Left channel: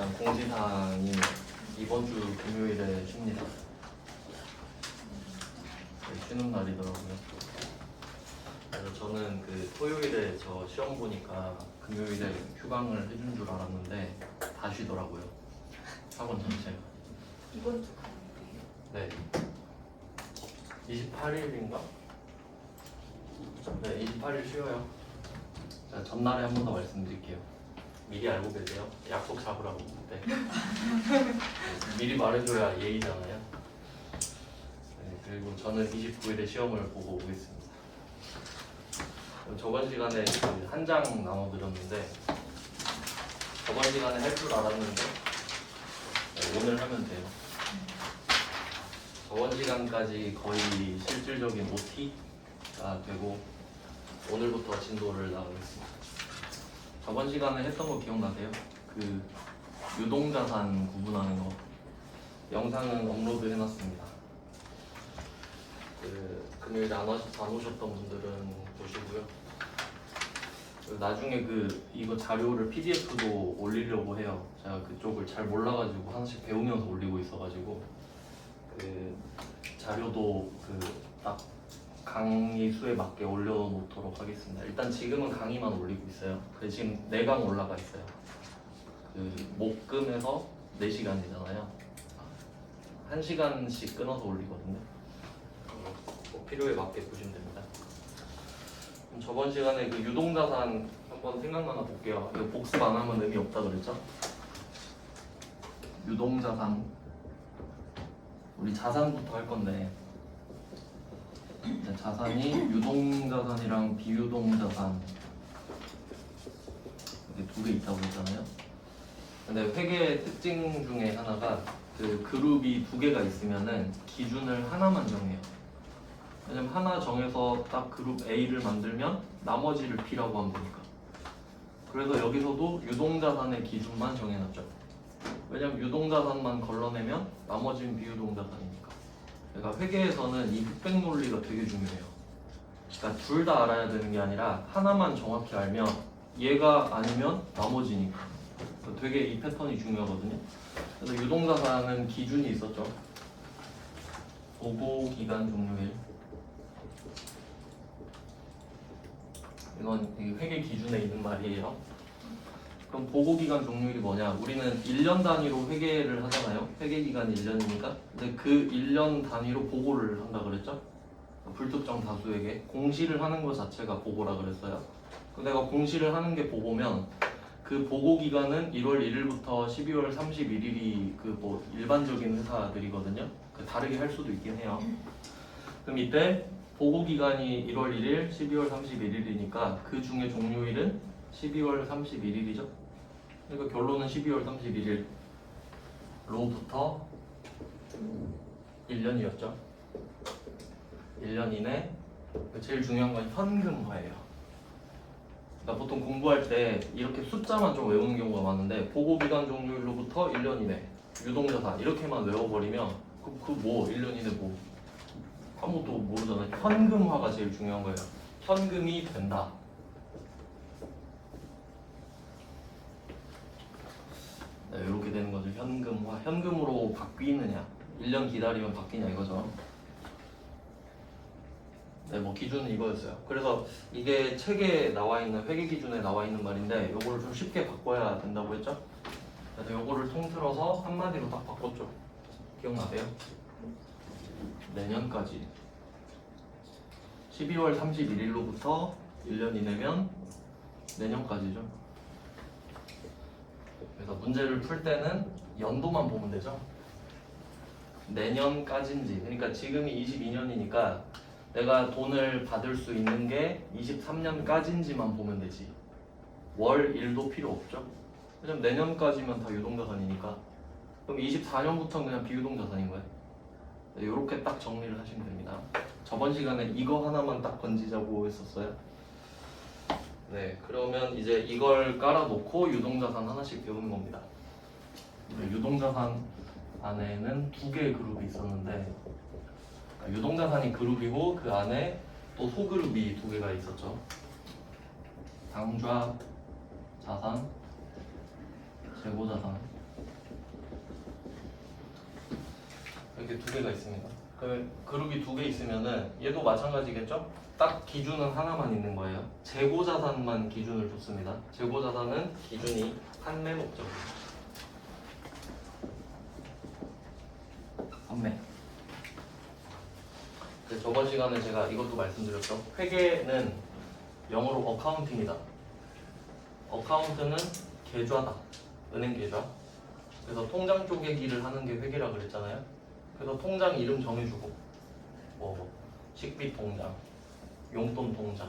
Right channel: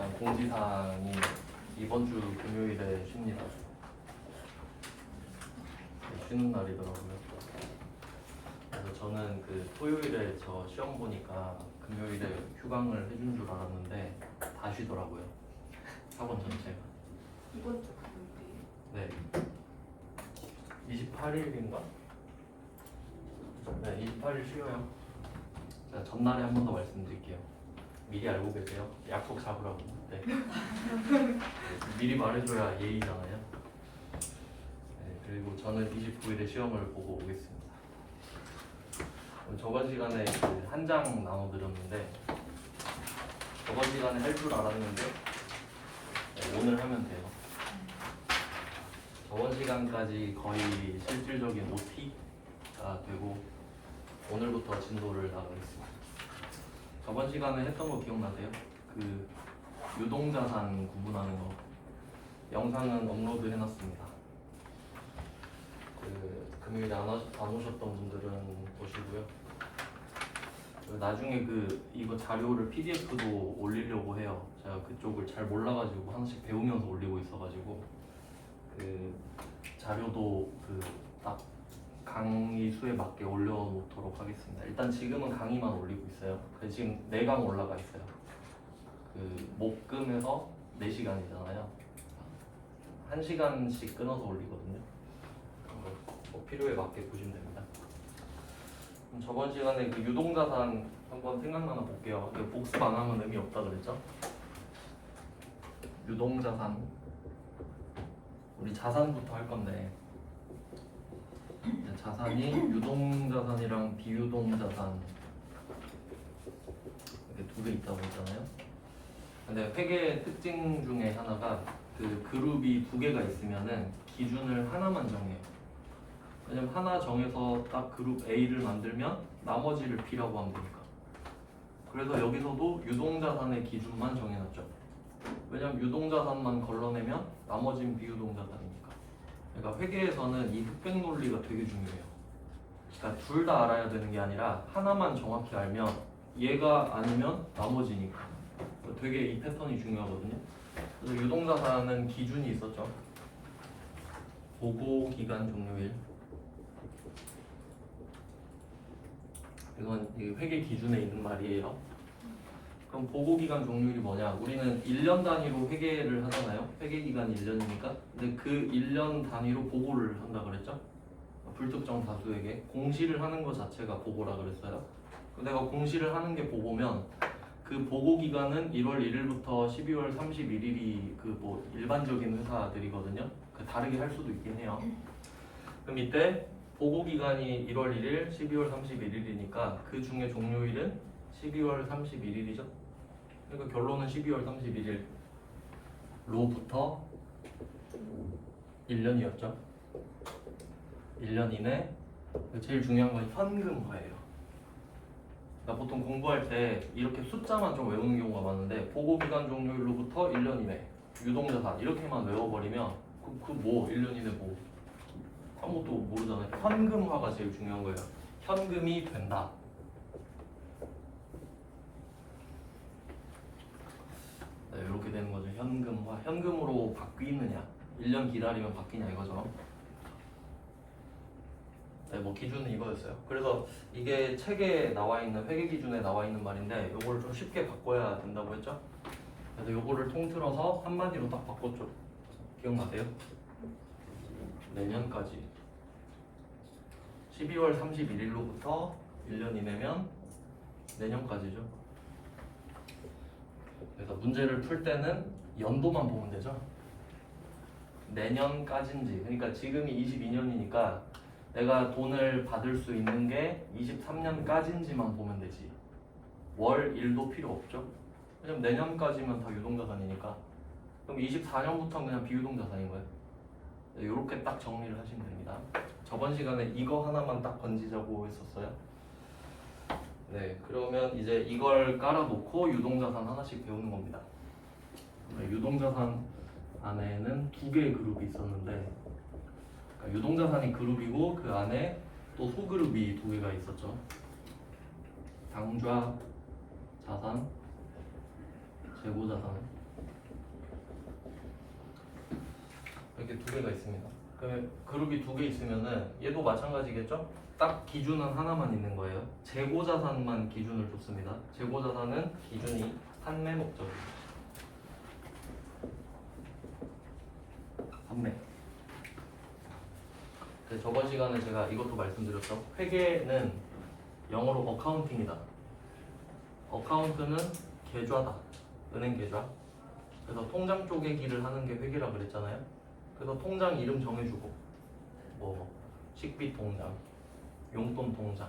일단 공지사항이 이번 주 금요일에 쉽니다. 네, 쉬는 날이더라고요. 그래서 저는 그 토요일에 저 시험 보니까 금요일에 휴강을 해준 줄 알았는데 다 쉬더라고요. 학원 전체가. 이번 주 금요일이에요? 네. 28일인가? 네, 28일 쉬어요. 자, 전날에 한 번 더 말씀드릴게요. 미리 알고 계세요? 약속 잡으라고. 네. 미리 말해줘야 예의잖아요. 네, 그리고 저는 29일에 시험을 보고 오겠습니다. 저번 시간에 그 한 장 나눠드렸는데 저번 시간에 할 줄 알았는데 네, 오늘 하면 돼요. 저번 시간까지 거의 실질적인 OT가 되고 오늘부터 진도를 나가겠습니다. 저번 시간에 했던 거 기억나세요? 그 유동자산 구분하는 거 영상은 업로드 해놨습니다. 그 금요일에 안 오셨던 분들은 보시고요. 그 나중에 그 이거 자료를 PDF도 올리려고 해요. 제가 그쪽을 잘 몰라가지고 하나씩 배우면서 올리고 있어가지고 그 자료도 그 딱 강의 수에 맞게 올려놓도록 하겠습니다. 일단 지금은 강의만 올리고 있어요. 지금 4강 올라가 있어요. 그 목금에서 4시간이잖아요. 1시간씩 끊어서 올리거든요. 필요에 맞게 보시면 됩니다. 그럼 저번 시간에 그 유동자산 한번 생각나나 볼게요. 이거 복습 안 하면 의미 없다 그랬죠? 유동자산 우리 자산부터 할 건데 자산이 유동자산이랑 비유동자산 이렇게 두 개 있다고 했잖아요. 근데 회계의 특징 중에 하나가 그 그룹이 2개가 있으면은 기준을 하나만 정해요. 왜냐면 하나 정해서 딱 그룹 A를 만들면 나머지를 B라고 하면 되니까. 그래서 여기서도 유동자산의 기준만 정해놨죠. 왜냐면 유동자산만 걸러내면 나머지는 비유동자산이니까. 그러니까 회계에서는 이 흑백 논리가 되게 중요해요. 그러니까 둘 다 알아야 되는 게 아니라 하나만 정확히 알면 얘가 아니면 나머지니까. 되게 이 패턴이 중요하거든요. 그래서 유동자산은 기준이 있었죠. 보고 기간 종료일. 이건 회계 기준에 있는 말이에요. 그럼 보고기간 종료일이 뭐냐? 우리는 1년 단위로 회계를 하잖아요. 회계기간이 1년이니까. 근데 그 1년 단위로 보고를 한다 그랬죠? 불특정 다수에게 공시를 하는 것 자체가 보고라 그랬어요. 내가 공시를 하는 게 보고면 그 보고기간은 1월 1일부터 12월 31일이 그 뭐 일반적인 회사들이거든요. 다르게 할 수도 있긴 해요. 그럼 이때 보고기간이 1월 1일, 12월 31일이니까 그 중에 종료일은 12월 31일이죠. 그러니까 결론은 12월 31일로부터 1년이었죠. 1년 이내 제일 중요한 건 현금화예요. 그러니까 보통 공부할 때 이렇게 숫자만 좀 외우는 경우가 많은데 보고기간 종료일로부터 1년 이내 유동자산 이렇게만 외워버리면 그 뭐 1년 이내 뭐 아무것도 모르잖아요. 현금화가 제일 중요한 거예요. 현금이 된다. 네, 이렇게 되는 거죠. 현금화. 현금으로 바뀌느냐 1년 기다리면 바뀌냐 이거죠. 네, 뭐 기준은 이거였어요. 그래서 이게 책에 나와 있는 회계 기준에 나와 있는 말인데 요거를 좀 쉽게 바꿔야 된다고 했죠. 그래서 요거를 통틀어서 한마디로 딱 바꿨죠. 기억나세요? 내년까지 12월 31일로부터 1년 이내면 내년까지죠. 그래서 문제를 풀 때는 연도만 보면 되죠. 내년까지인지, 그러니까 지금이 22년이니까 내가 돈을 받을 수 있는 게 23년까지인지만 보면 되지. 월, 일도 필요 없죠. 왜냐면 내년까지면 다 유동자산이니까. 그럼 24년부터는 그냥 비유동자산인 거예요. 네, 이렇게 딱 정리를 하시면 됩니다. 저번 시간에 이거 하나만 딱 건지자고 했었어요. 네, 그러면 이제 이걸 깔아놓고 유동자산 하나씩 배우는 겁니다. 유동자산 안에는 2개의 그룹이 있었는데 유동자산이 그룹이고 그 안에 또 소그룹이 2개가 있었죠. 당좌 자산, 재고자산. 두 개가 있습니다. 그 그룹이 두 개 있으면은 얘도 마찬가지겠죠? 딱 기준은 하나만 있는 거예요. 재고자산만 기준을 뒀습니다. 재고자산은 기준이 판매 목적입니다. 판매. 저번 시간에 제가 이것도 말씀드렸죠. 회계는 영어로 어카운팅이다. 어카운트는 계좌다. 은행 계좌. 그래서 통장 쪼개기를 하는 게 회계라 그랬잖아요. 그래서 통장 이름 정해주고 뭐 식비 통장, 용돈 통장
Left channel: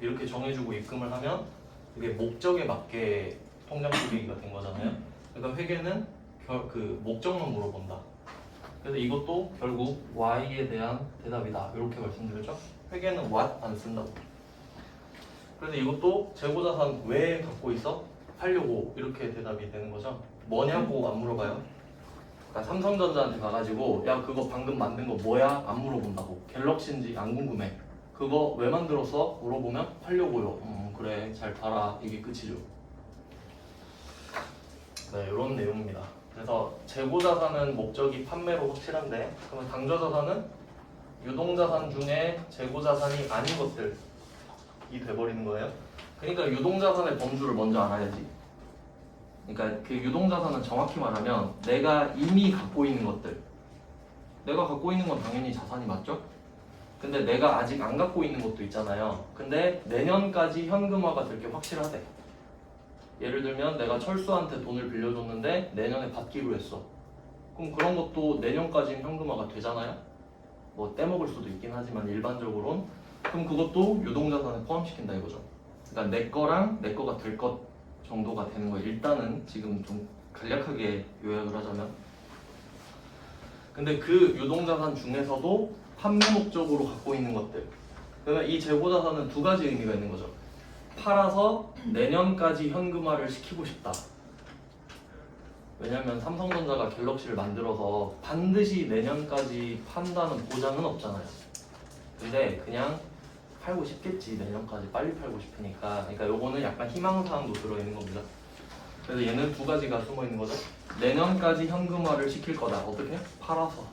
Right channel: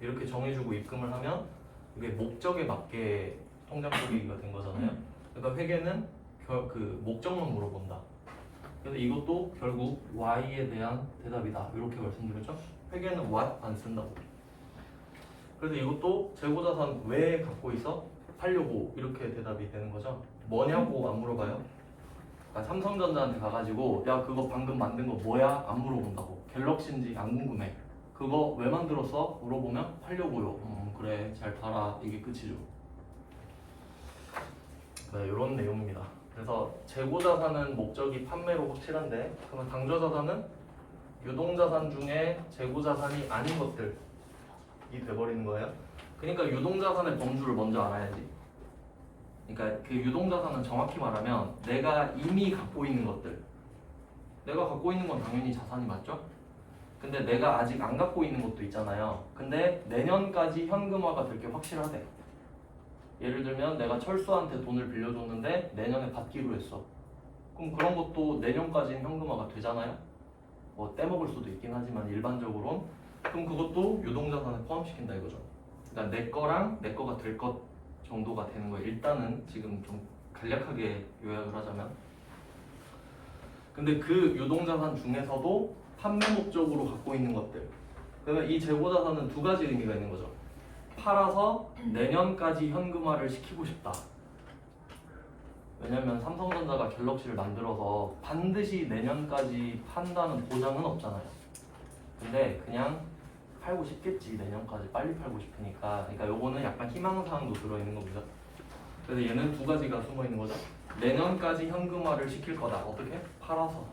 이렇게 정해주고 입금을 하면 그게 목적에 맞게 통장 쪼개기가 된 거잖아요. 그러니까 회계는 그 목적만 물어본다. 근데 이것도 결국 Y에 대한 대답이다. 이렇게 말씀드렸죠. 회계는 what 안 쓴다고. 그래서 이것도 재고자산 왜 갖고 있어? 팔려고 이렇게 대답이 되는 거죠. 뭐냐고 안 물어봐요. 그러니까 삼성전자한테 가가지고 야 그거 방금 만든 거 뭐야? 안 물어본다고. 갤럭시인지 안 궁금해. 그거 왜 만들었어? 물어보면 팔려고요. 그래 잘 팔아. 이게 끝이죠. 네, 이런 내용입니다. 그래서 재고자산은 목적이 판매로 확실한데 그러면 당좌자산은 유동자산 중에 재고자산이 아닌 것들이 돼버리는 거예요. 그러니까 유동자산의 범주를 먼저 알아야지. 그러니까 그 유동자산은 정확히 말하면 내가 이미 갖고 있는 것들. 내가 갖고 있는 건 당연히 자산이 맞죠? 근데 내가 아직 안 갖고 있는 것도 있잖아요. 근데 내년까지 현금화가 될 게 확실하대. 예를 들면 내가 철수한테 돈을 빌려줬는데 내년에 받기로 했어. 그럼 그런 것도 내년까지는 현금화가 되잖아요. 뭐 떼먹을 수도 있긴 하지만 일반적으로는. 그럼 그것도 유동자산에 포함시킨다 이거죠. 그러니까 내 거랑 내 거가 될 것 정도가 되는 거예요. 일단은 지금 좀 간략하게 요약을 하자면. 근데 그 유동자산 중에서도 판매 목적으로 갖고 있는 것들. 그러면 이 재고자산은 두 가지 의미가 있는 거죠. 팔아서 내년까지 현금화를 시키고 싶다. 왜냐면 삼성전자가 갤럭시를 만들어서 반드시 내년까지 판다는 보장은 없잖아요. 근데 그냥 팔고 싶겠지. 내년까지 빨리 팔고 싶으니까. 그러니까 요거는 약간 희망사항도 들어있는 겁니다. 그래서 얘는 두 가지가 숨어있는 거죠. 내년까지 현금화를 시킬 거다. 어떻게? 팔아서.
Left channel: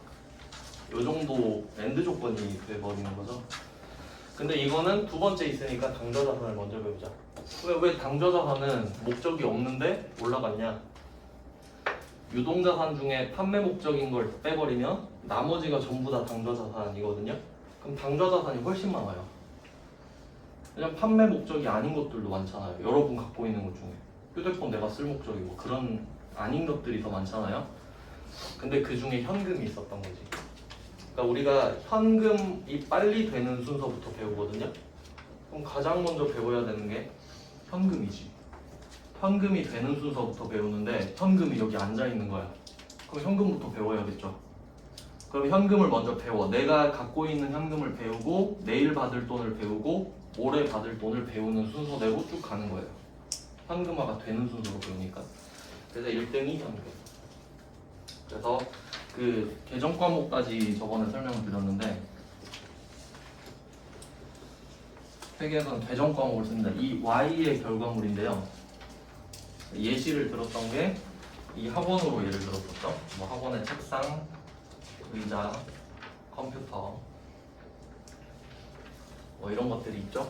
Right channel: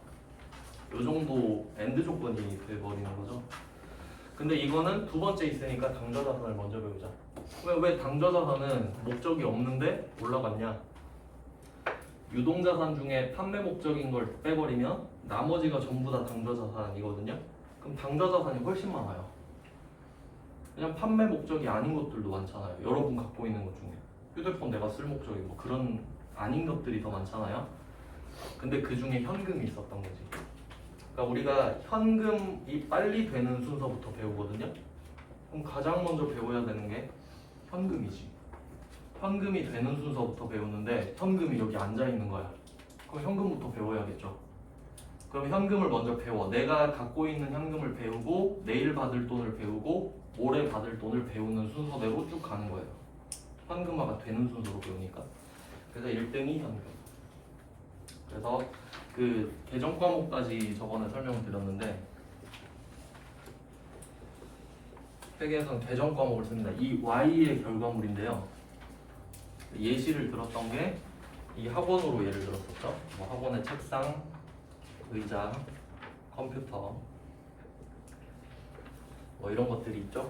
요 정도 엔드 조건이 돼버리는 거죠. 근데 이거는 두 번째 있으니까 당좌자산을 먼저 배우자. 그러니까 왜 당좌자산은 목적이 없는데 올라갔냐? 유동자산 중에 판매 목적인 걸 빼버리면 나머지가 전부 다 당좌자산이거든요. 그럼 당좌자산이 훨씬 많아요. 왜냐면 판매 목적이 아닌 것들도 많잖아요. 여러분 갖고 있는 것 중에 휴대폰 내가 쓸 목적이 뭐 그런 아닌 것들이 더 많잖아요. 근데 그 중에 현금이 있었던 거지. 그러니까 우리가 현금이 빨리 되는 순서부터 배우거든요. 그럼 가장 먼저 배워야 되는 게 현금이지. 현금이 되는 순서부터 배우는데 현금이 여기 앉아 있는 거야. 그럼 현금부터 배워야겠죠. 그럼 현금을 먼저 배워. 내가 갖고 있는 현금을 배우고 내일 받을 돈을 배우고 모레 받을 돈을 배우는 순서대로 쭉 가는 거예요. 현금화가 되는 순서로 배우니까. 그래서 1등이 현금. 그래서 그 계정 과목까지 저번에 설명을 드렸는데 회계에서는 계정 과목을 씁니다. 이 Y의 결과물인데요. 예시를 들었던 게 이 학원으로 예를 들었었죠. 뭐 학원의 책상, 의자, 컴퓨터 뭐 이런 것들이 있죠.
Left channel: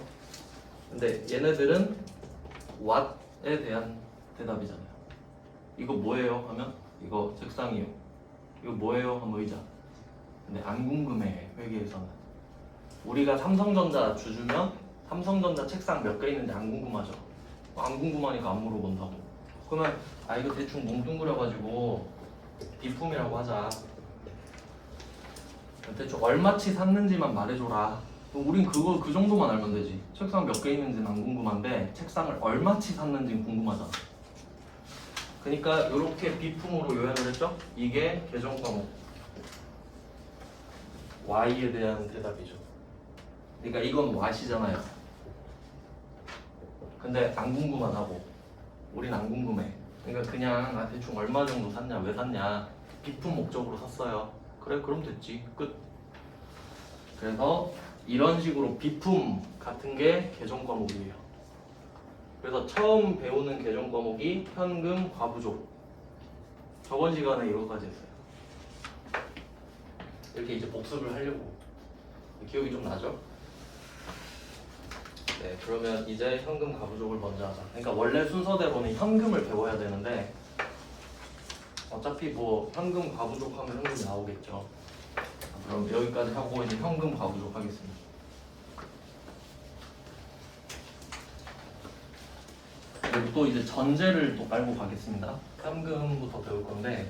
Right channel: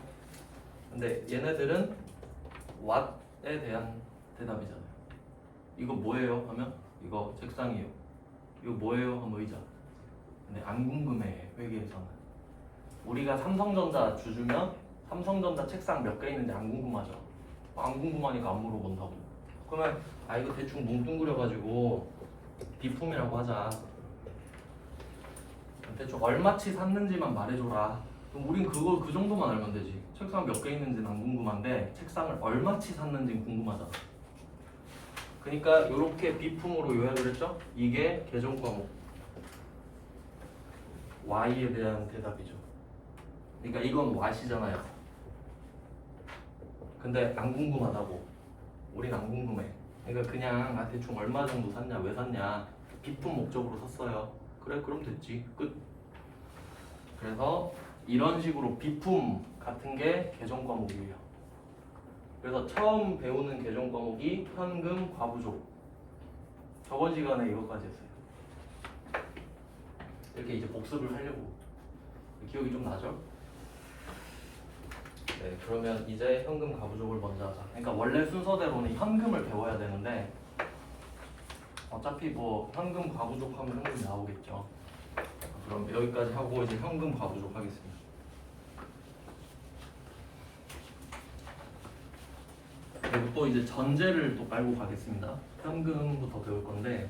근데 얘네들은 what에 대한 대답이잖아요. 이거 뭐예요? 하면 이거 책상이에요. 이거 뭐예요? 하면 의자. 근데 안 궁금해. 회계에서는 우리가 삼성전자 주주면 삼성전자 책상 몇 개 있는지 안 궁금하죠. 안 궁금하니까 안 물어본다고. 그러면 아 이거 대충 뭉뚱그려가지고 비품이라고 하자. 대충 얼마치 샀는지만 말해줘라. 그럼 우린 그거 그 정도만 알면 되지. 책상 몇 개 있는지는 안 궁금한데 책상을 얼마치 샀는지는 궁금하잖아. 그러니까 이렇게 비품으로 요약을 했죠. 이게 계정 과목 Y에 대한 대답이죠. 그러니까 이건 Y시잖아요. 근데 안 궁금하다고. 우린 안 궁금해. 그러니까 그냥 아 대충 얼마 정도 샀냐, 왜 샀냐, 비품 목적으로 샀어요. 그래 그럼 됐지. 끝. 그래서 이런 식으로 비품 같은 게 계정 과목이에요. 그래서 처음 배우는 계정 과목이 현금 과부족. 저번 시간에 이것까지 했어요. 이렇게 이제 복습을 하려고. 기억이 좀 나죠? 네, 그러면 이제 현금 가부족을 먼저 하자. 그러니까 원래 순서대로는 현금을 배워야 되는데 어차피 뭐 현금 가부족 하면 현금이 나오겠죠. 그럼 여기까지 하고 이제 현금 가부족 하겠습니다. 그리고 또 이제 전제를 또 깔고 가겠습니다. 현금부터 배울 건데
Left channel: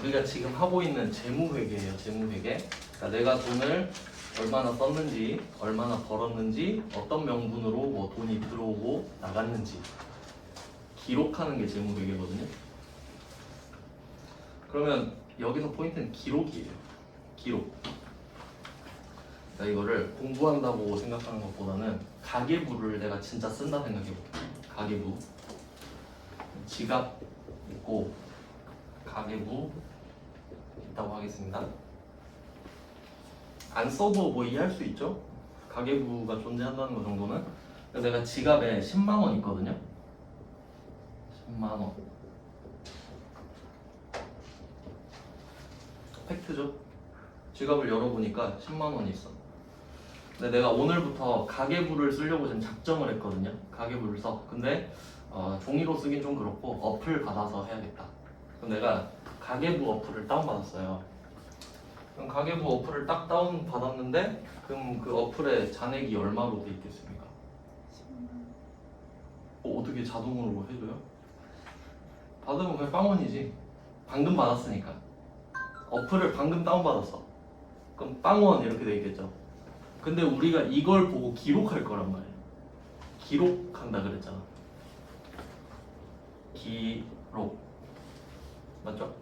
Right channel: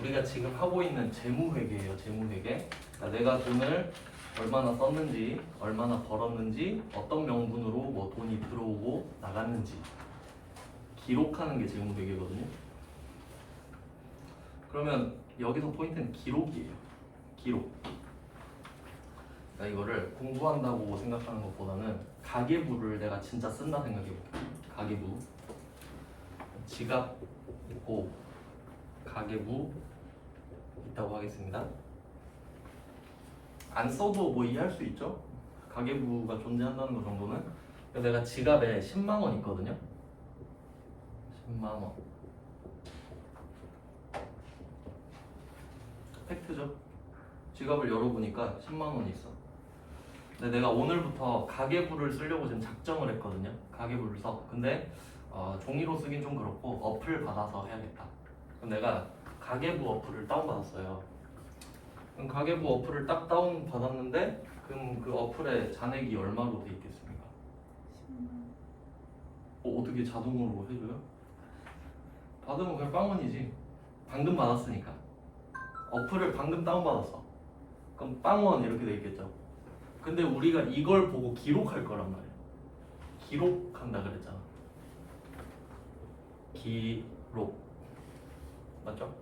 우리가 지금 하고 있는 재무회계예요. 재무회계. 그러니까 내가 돈을 얼마나 썼는지, 얼마나 벌었는지, 어떤 명분으로 뭐 돈이 들어오고 나갔는지 기록하는 게 재무회계거든요. 그러면 여기서 포인트는 기록이에요. 기록. 그러니까 이거를 공부한다고 생각하는 것보다는 가계부를 내가 진짜 쓴다 생각해볼게요. 가계부. 지갑 있고 가계부 있다고 하겠습니다. 안 써도 뭐 이해할 수 있죠? 가계부가 존재한다는 거 정도는. 그래서 내가 지갑에 10만 원 있거든요. 10만 원. 팩트죠? 지갑을 열어보니까 10만 원이 있어. 근데 내가 오늘부터 가계부를 쓰려고 지금 작정을 했거든요. 가계부를 써. 근데 종이로 쓰긴 좀 그렇고 어플 받아서 해야겠다. 그럼 내가 가계부 어플을 다운받았어요. 그럼 가계부 어플을 딱 다운받았는데 그럼 그 어플에 잔액이 얼마로 돼 있겠습니까? 어떻게 자동으로 뭐 해줘요? 받으면 그냥 빵원이지. 방금 받았으니까. 어플을 방금 다운받았어. 그럼 빵원 이렇게 돼 있겠죠. 근데 우리가 이걸 보고 기록할 거란 말이야. 기록한다 그랬잖아. 기록. 맞죠?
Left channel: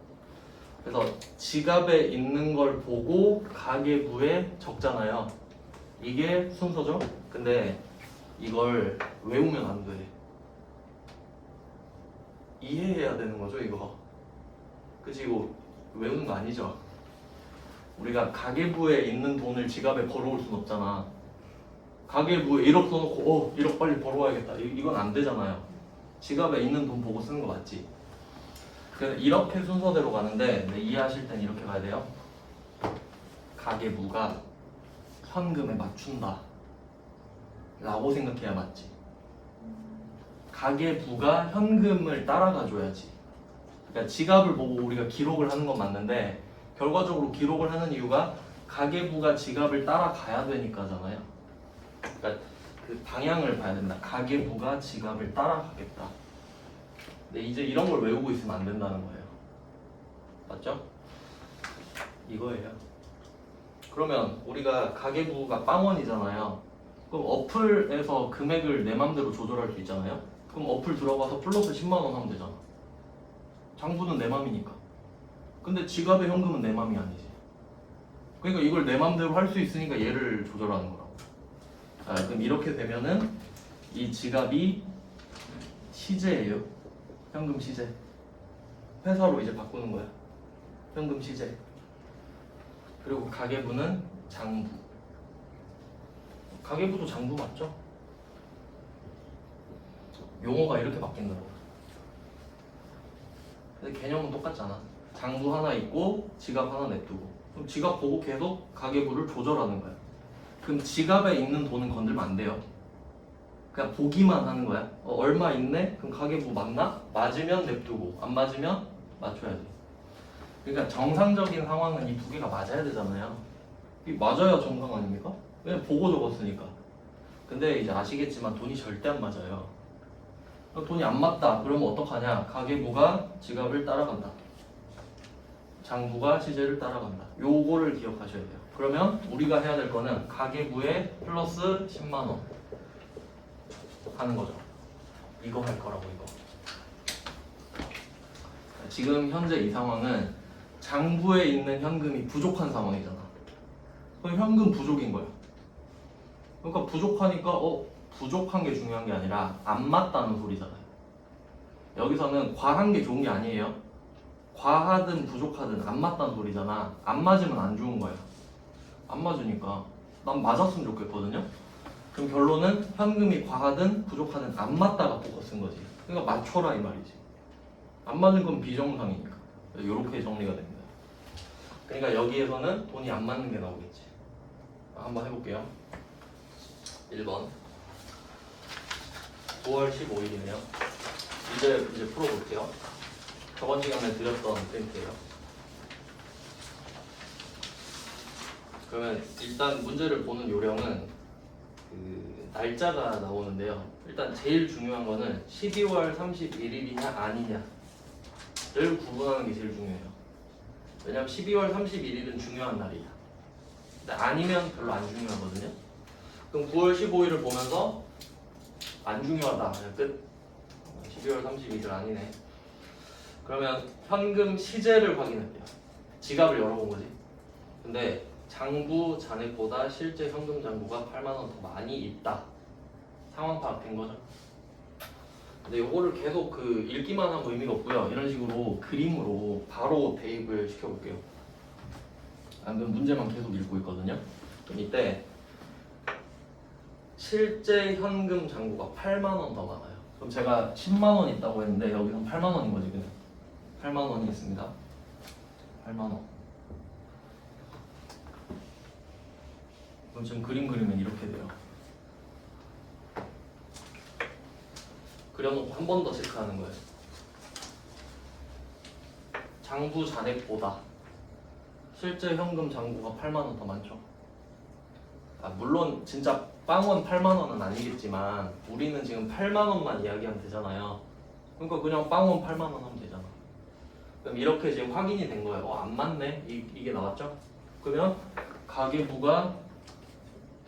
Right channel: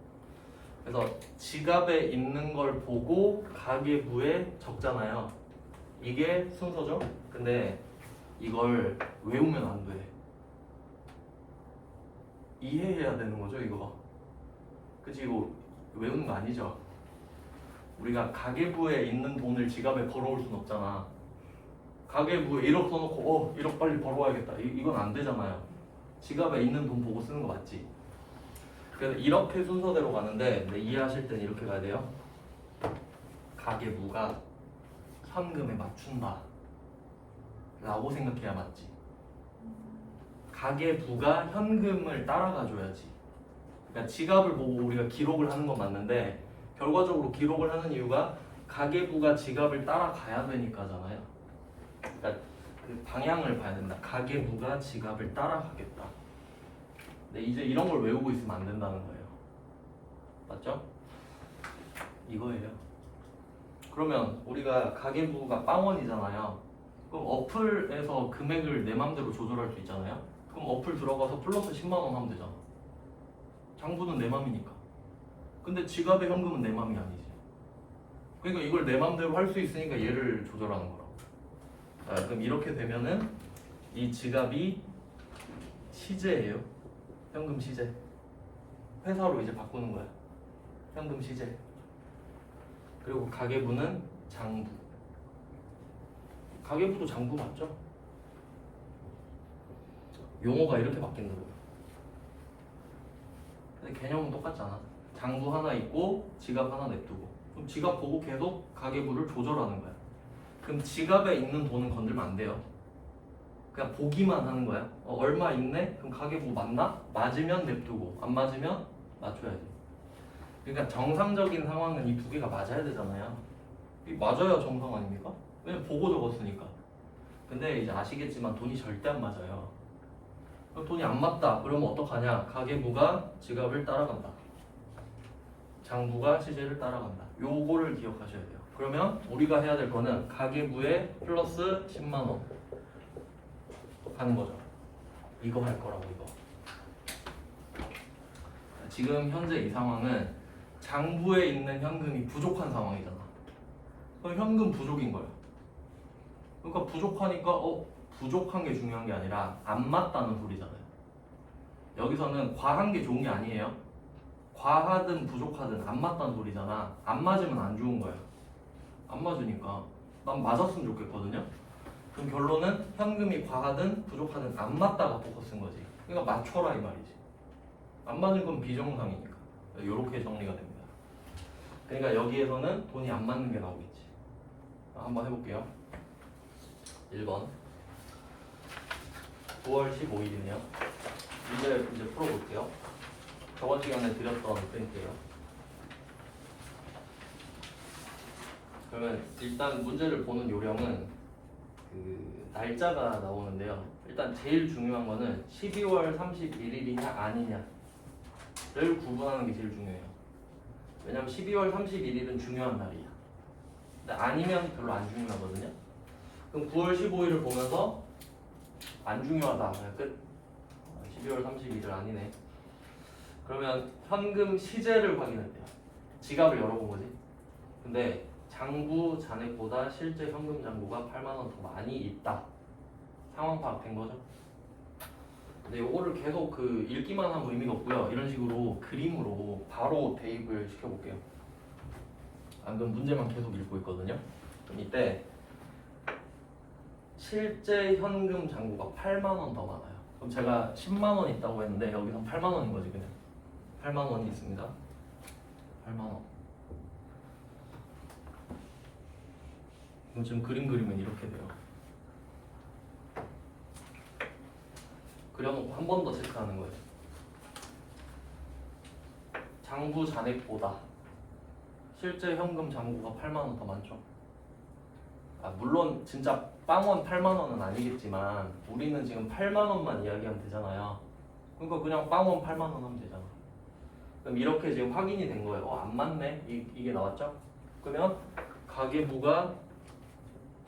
그래서 지갑에 있는 걸 보고 가계부에 적잖아요. 이게 순서죠? 근데 이걸 외우면 안 돼. 이해해야 되는 거죠, 이거. 그치, 이거 외우는 거 아니죠? 우리가 가계부에 있는 돈을 지갑에 벌어올 순 없잖아. 가계부에 1억 써놓고 1억 빨리 벌어와야겠다. 이건 안 되잖아요. 지갑에 있는 돈 보고 쓰는 거 맞지? 그래서 이렇게 순서대로 가는데 이해하실 땐 이렇게 가야 돼요. 가계부가 현금에 맞춘다 라고 생각해야 맞지. 가계부가 현금을 따라가줘야지. 그러니까 지갑을 보고 우리가 기록을 하는 건 맞는데 결과적으로 기록을 하는 이유가 가계부가 지갑을 따라가야 되니까잖아요. 그러니까 그 방향을 봐야 된다. 가계부가 지갑을 따라가겠다. 근데 이제 이런 걸 외우고 있으면 안 된다는 거예요. 맞죠? 이거예요. 그러면 우리가 가계부가 빵원이잖아요. 그럼 어플에서 금액을 내 맘대로 조절할 수 있잖아요. 그럼 어플 들어가서 플러스 10만 원 하면 되잖아. 장부는 내 맘이니까. 근데 지갑의 현금은 내 맘이 아니지. 그러니까 이걸 내 맘대로 할 수 있으니까 얘를 조절하는 거라고. 자, 그럼 이렇게 되면은 이 지갑이 시제예요. 현금 시제. 회사로 이제 바꾸는 거야. 현금 시제. 그리고 가계부는 장부. 가계부도 장부 맞죠? 용어가 이렇게 바뀐다고. 근데 개념은 똑같잖아. 장부 하나 있고 지갑 하나 냅두고. 그럼 지갑 보고 계속 가계부를 조절하는 거야. 그럼 지갑에 있는 돈은 건들면 안 돼요. 그냥 보기만 하는 거야. 얼마 있네? 그럼 가계부 맞나? 맞으면 냅두고 안 맞으면 맞춰야지. 그러니까 정상적인 상황은 이 두 개가 맞아야 되잖아요. 이 맞아야 정상 아닙니까? 그냥 보고 적었으니까. 근데 이제 아시겠지만 돈이 절대 안 맞아요. 돈이 안 맞다. 그러면 어떡하냐? 가계부가 지갑을 따라간다. 장부가 시제를 따라간다. 요거를 기억하셔야 돼요. 그러면 우리가 해야 될 거는 가계부에 플러스 10만 원 하는 거죠. 이거 할 거라고 이거. 지금 현재 이 상황은 장부에 있는 현금이 부족한 상황이잖아. 그럼 현금 부족인 거야. 그러니까 부족하니까 부족한 게 중요한 게 아니라 안 맞다는 소리잖아요. 여기서는 과한 게 좋은 게 아니에요. 과하든 부족하든 안 맞다는 소리잖아. 안 맞으면 안 좋은 거야. 안 맞으니까 난 맞았으면 좋겠거든요. 그럼 결론은 현금이 과하든 부족하든 안 맞다가 바꿔 쓴 거지. 그러니까 맞춰라 이 말이지. 안 맞은 건 비정상이니까. 이렇게 정리가 됩니다. 그러니까 여기에서는 돈이 안 맞는 게 나오겠지. 한번 해볼게요. 1번 9월 15일이네요. 이제 풀어볼게요. 저번 시간에 드렸던 프린트예요. 그러면 일단 문제를 보는 요령은 그 날짜가 나오는데요. 일단 제일 중요한 거는 12월 31일이냐 아니냐를 구분하는 게 제일 중요해요. 왜냐면 12월 31일은 중요한 날이야. 근데 아니면 별로 안 중요하거든요. 그럼 9월 15일을 보면서 안 중요하다. 끝. 12월 31일 아니네. 그러면 현금 시제를 확인할게요. 지갑을 열어본 거지. 근데 장부 잔액보다 실제 현금 잔고가 8만 원 더 많이 있다. 상황 파악된 거죠. 근데 이거를 계속 그 읽기만 하면 의미가 없고요. 이런 식으로 그림으로 바로 대입을 시켜볼게요. 안 그럼 문제만 계속 읽고 있거든요. 그럼 이때 실제 현금 잔고가 8만 원 더 많아요. 그럼 제가 10만 원 있다고 했는데 여기선 8만 원인 거지 그냥. 8만 원이겠습니다. 8만 원. 그럼 지금 그림 그리면 이렇게 돼요. 그려놓고 한 번 더 체크하는 거예요. 장부 잔액보다 실제 현금 잔고가 8만 원 더 많죠. 물론 진짜 빵원 8만 원은 아니겠지만 우리는 지금 8만 원만 이야기하면 되잖아요. 그러니까 그냥 빵원 8만 원 하면 되잖아. 그럼 이렇게 지금 확인이 된 거예요. 안 맞네. 이게 나왔죠? 그러면 가계부가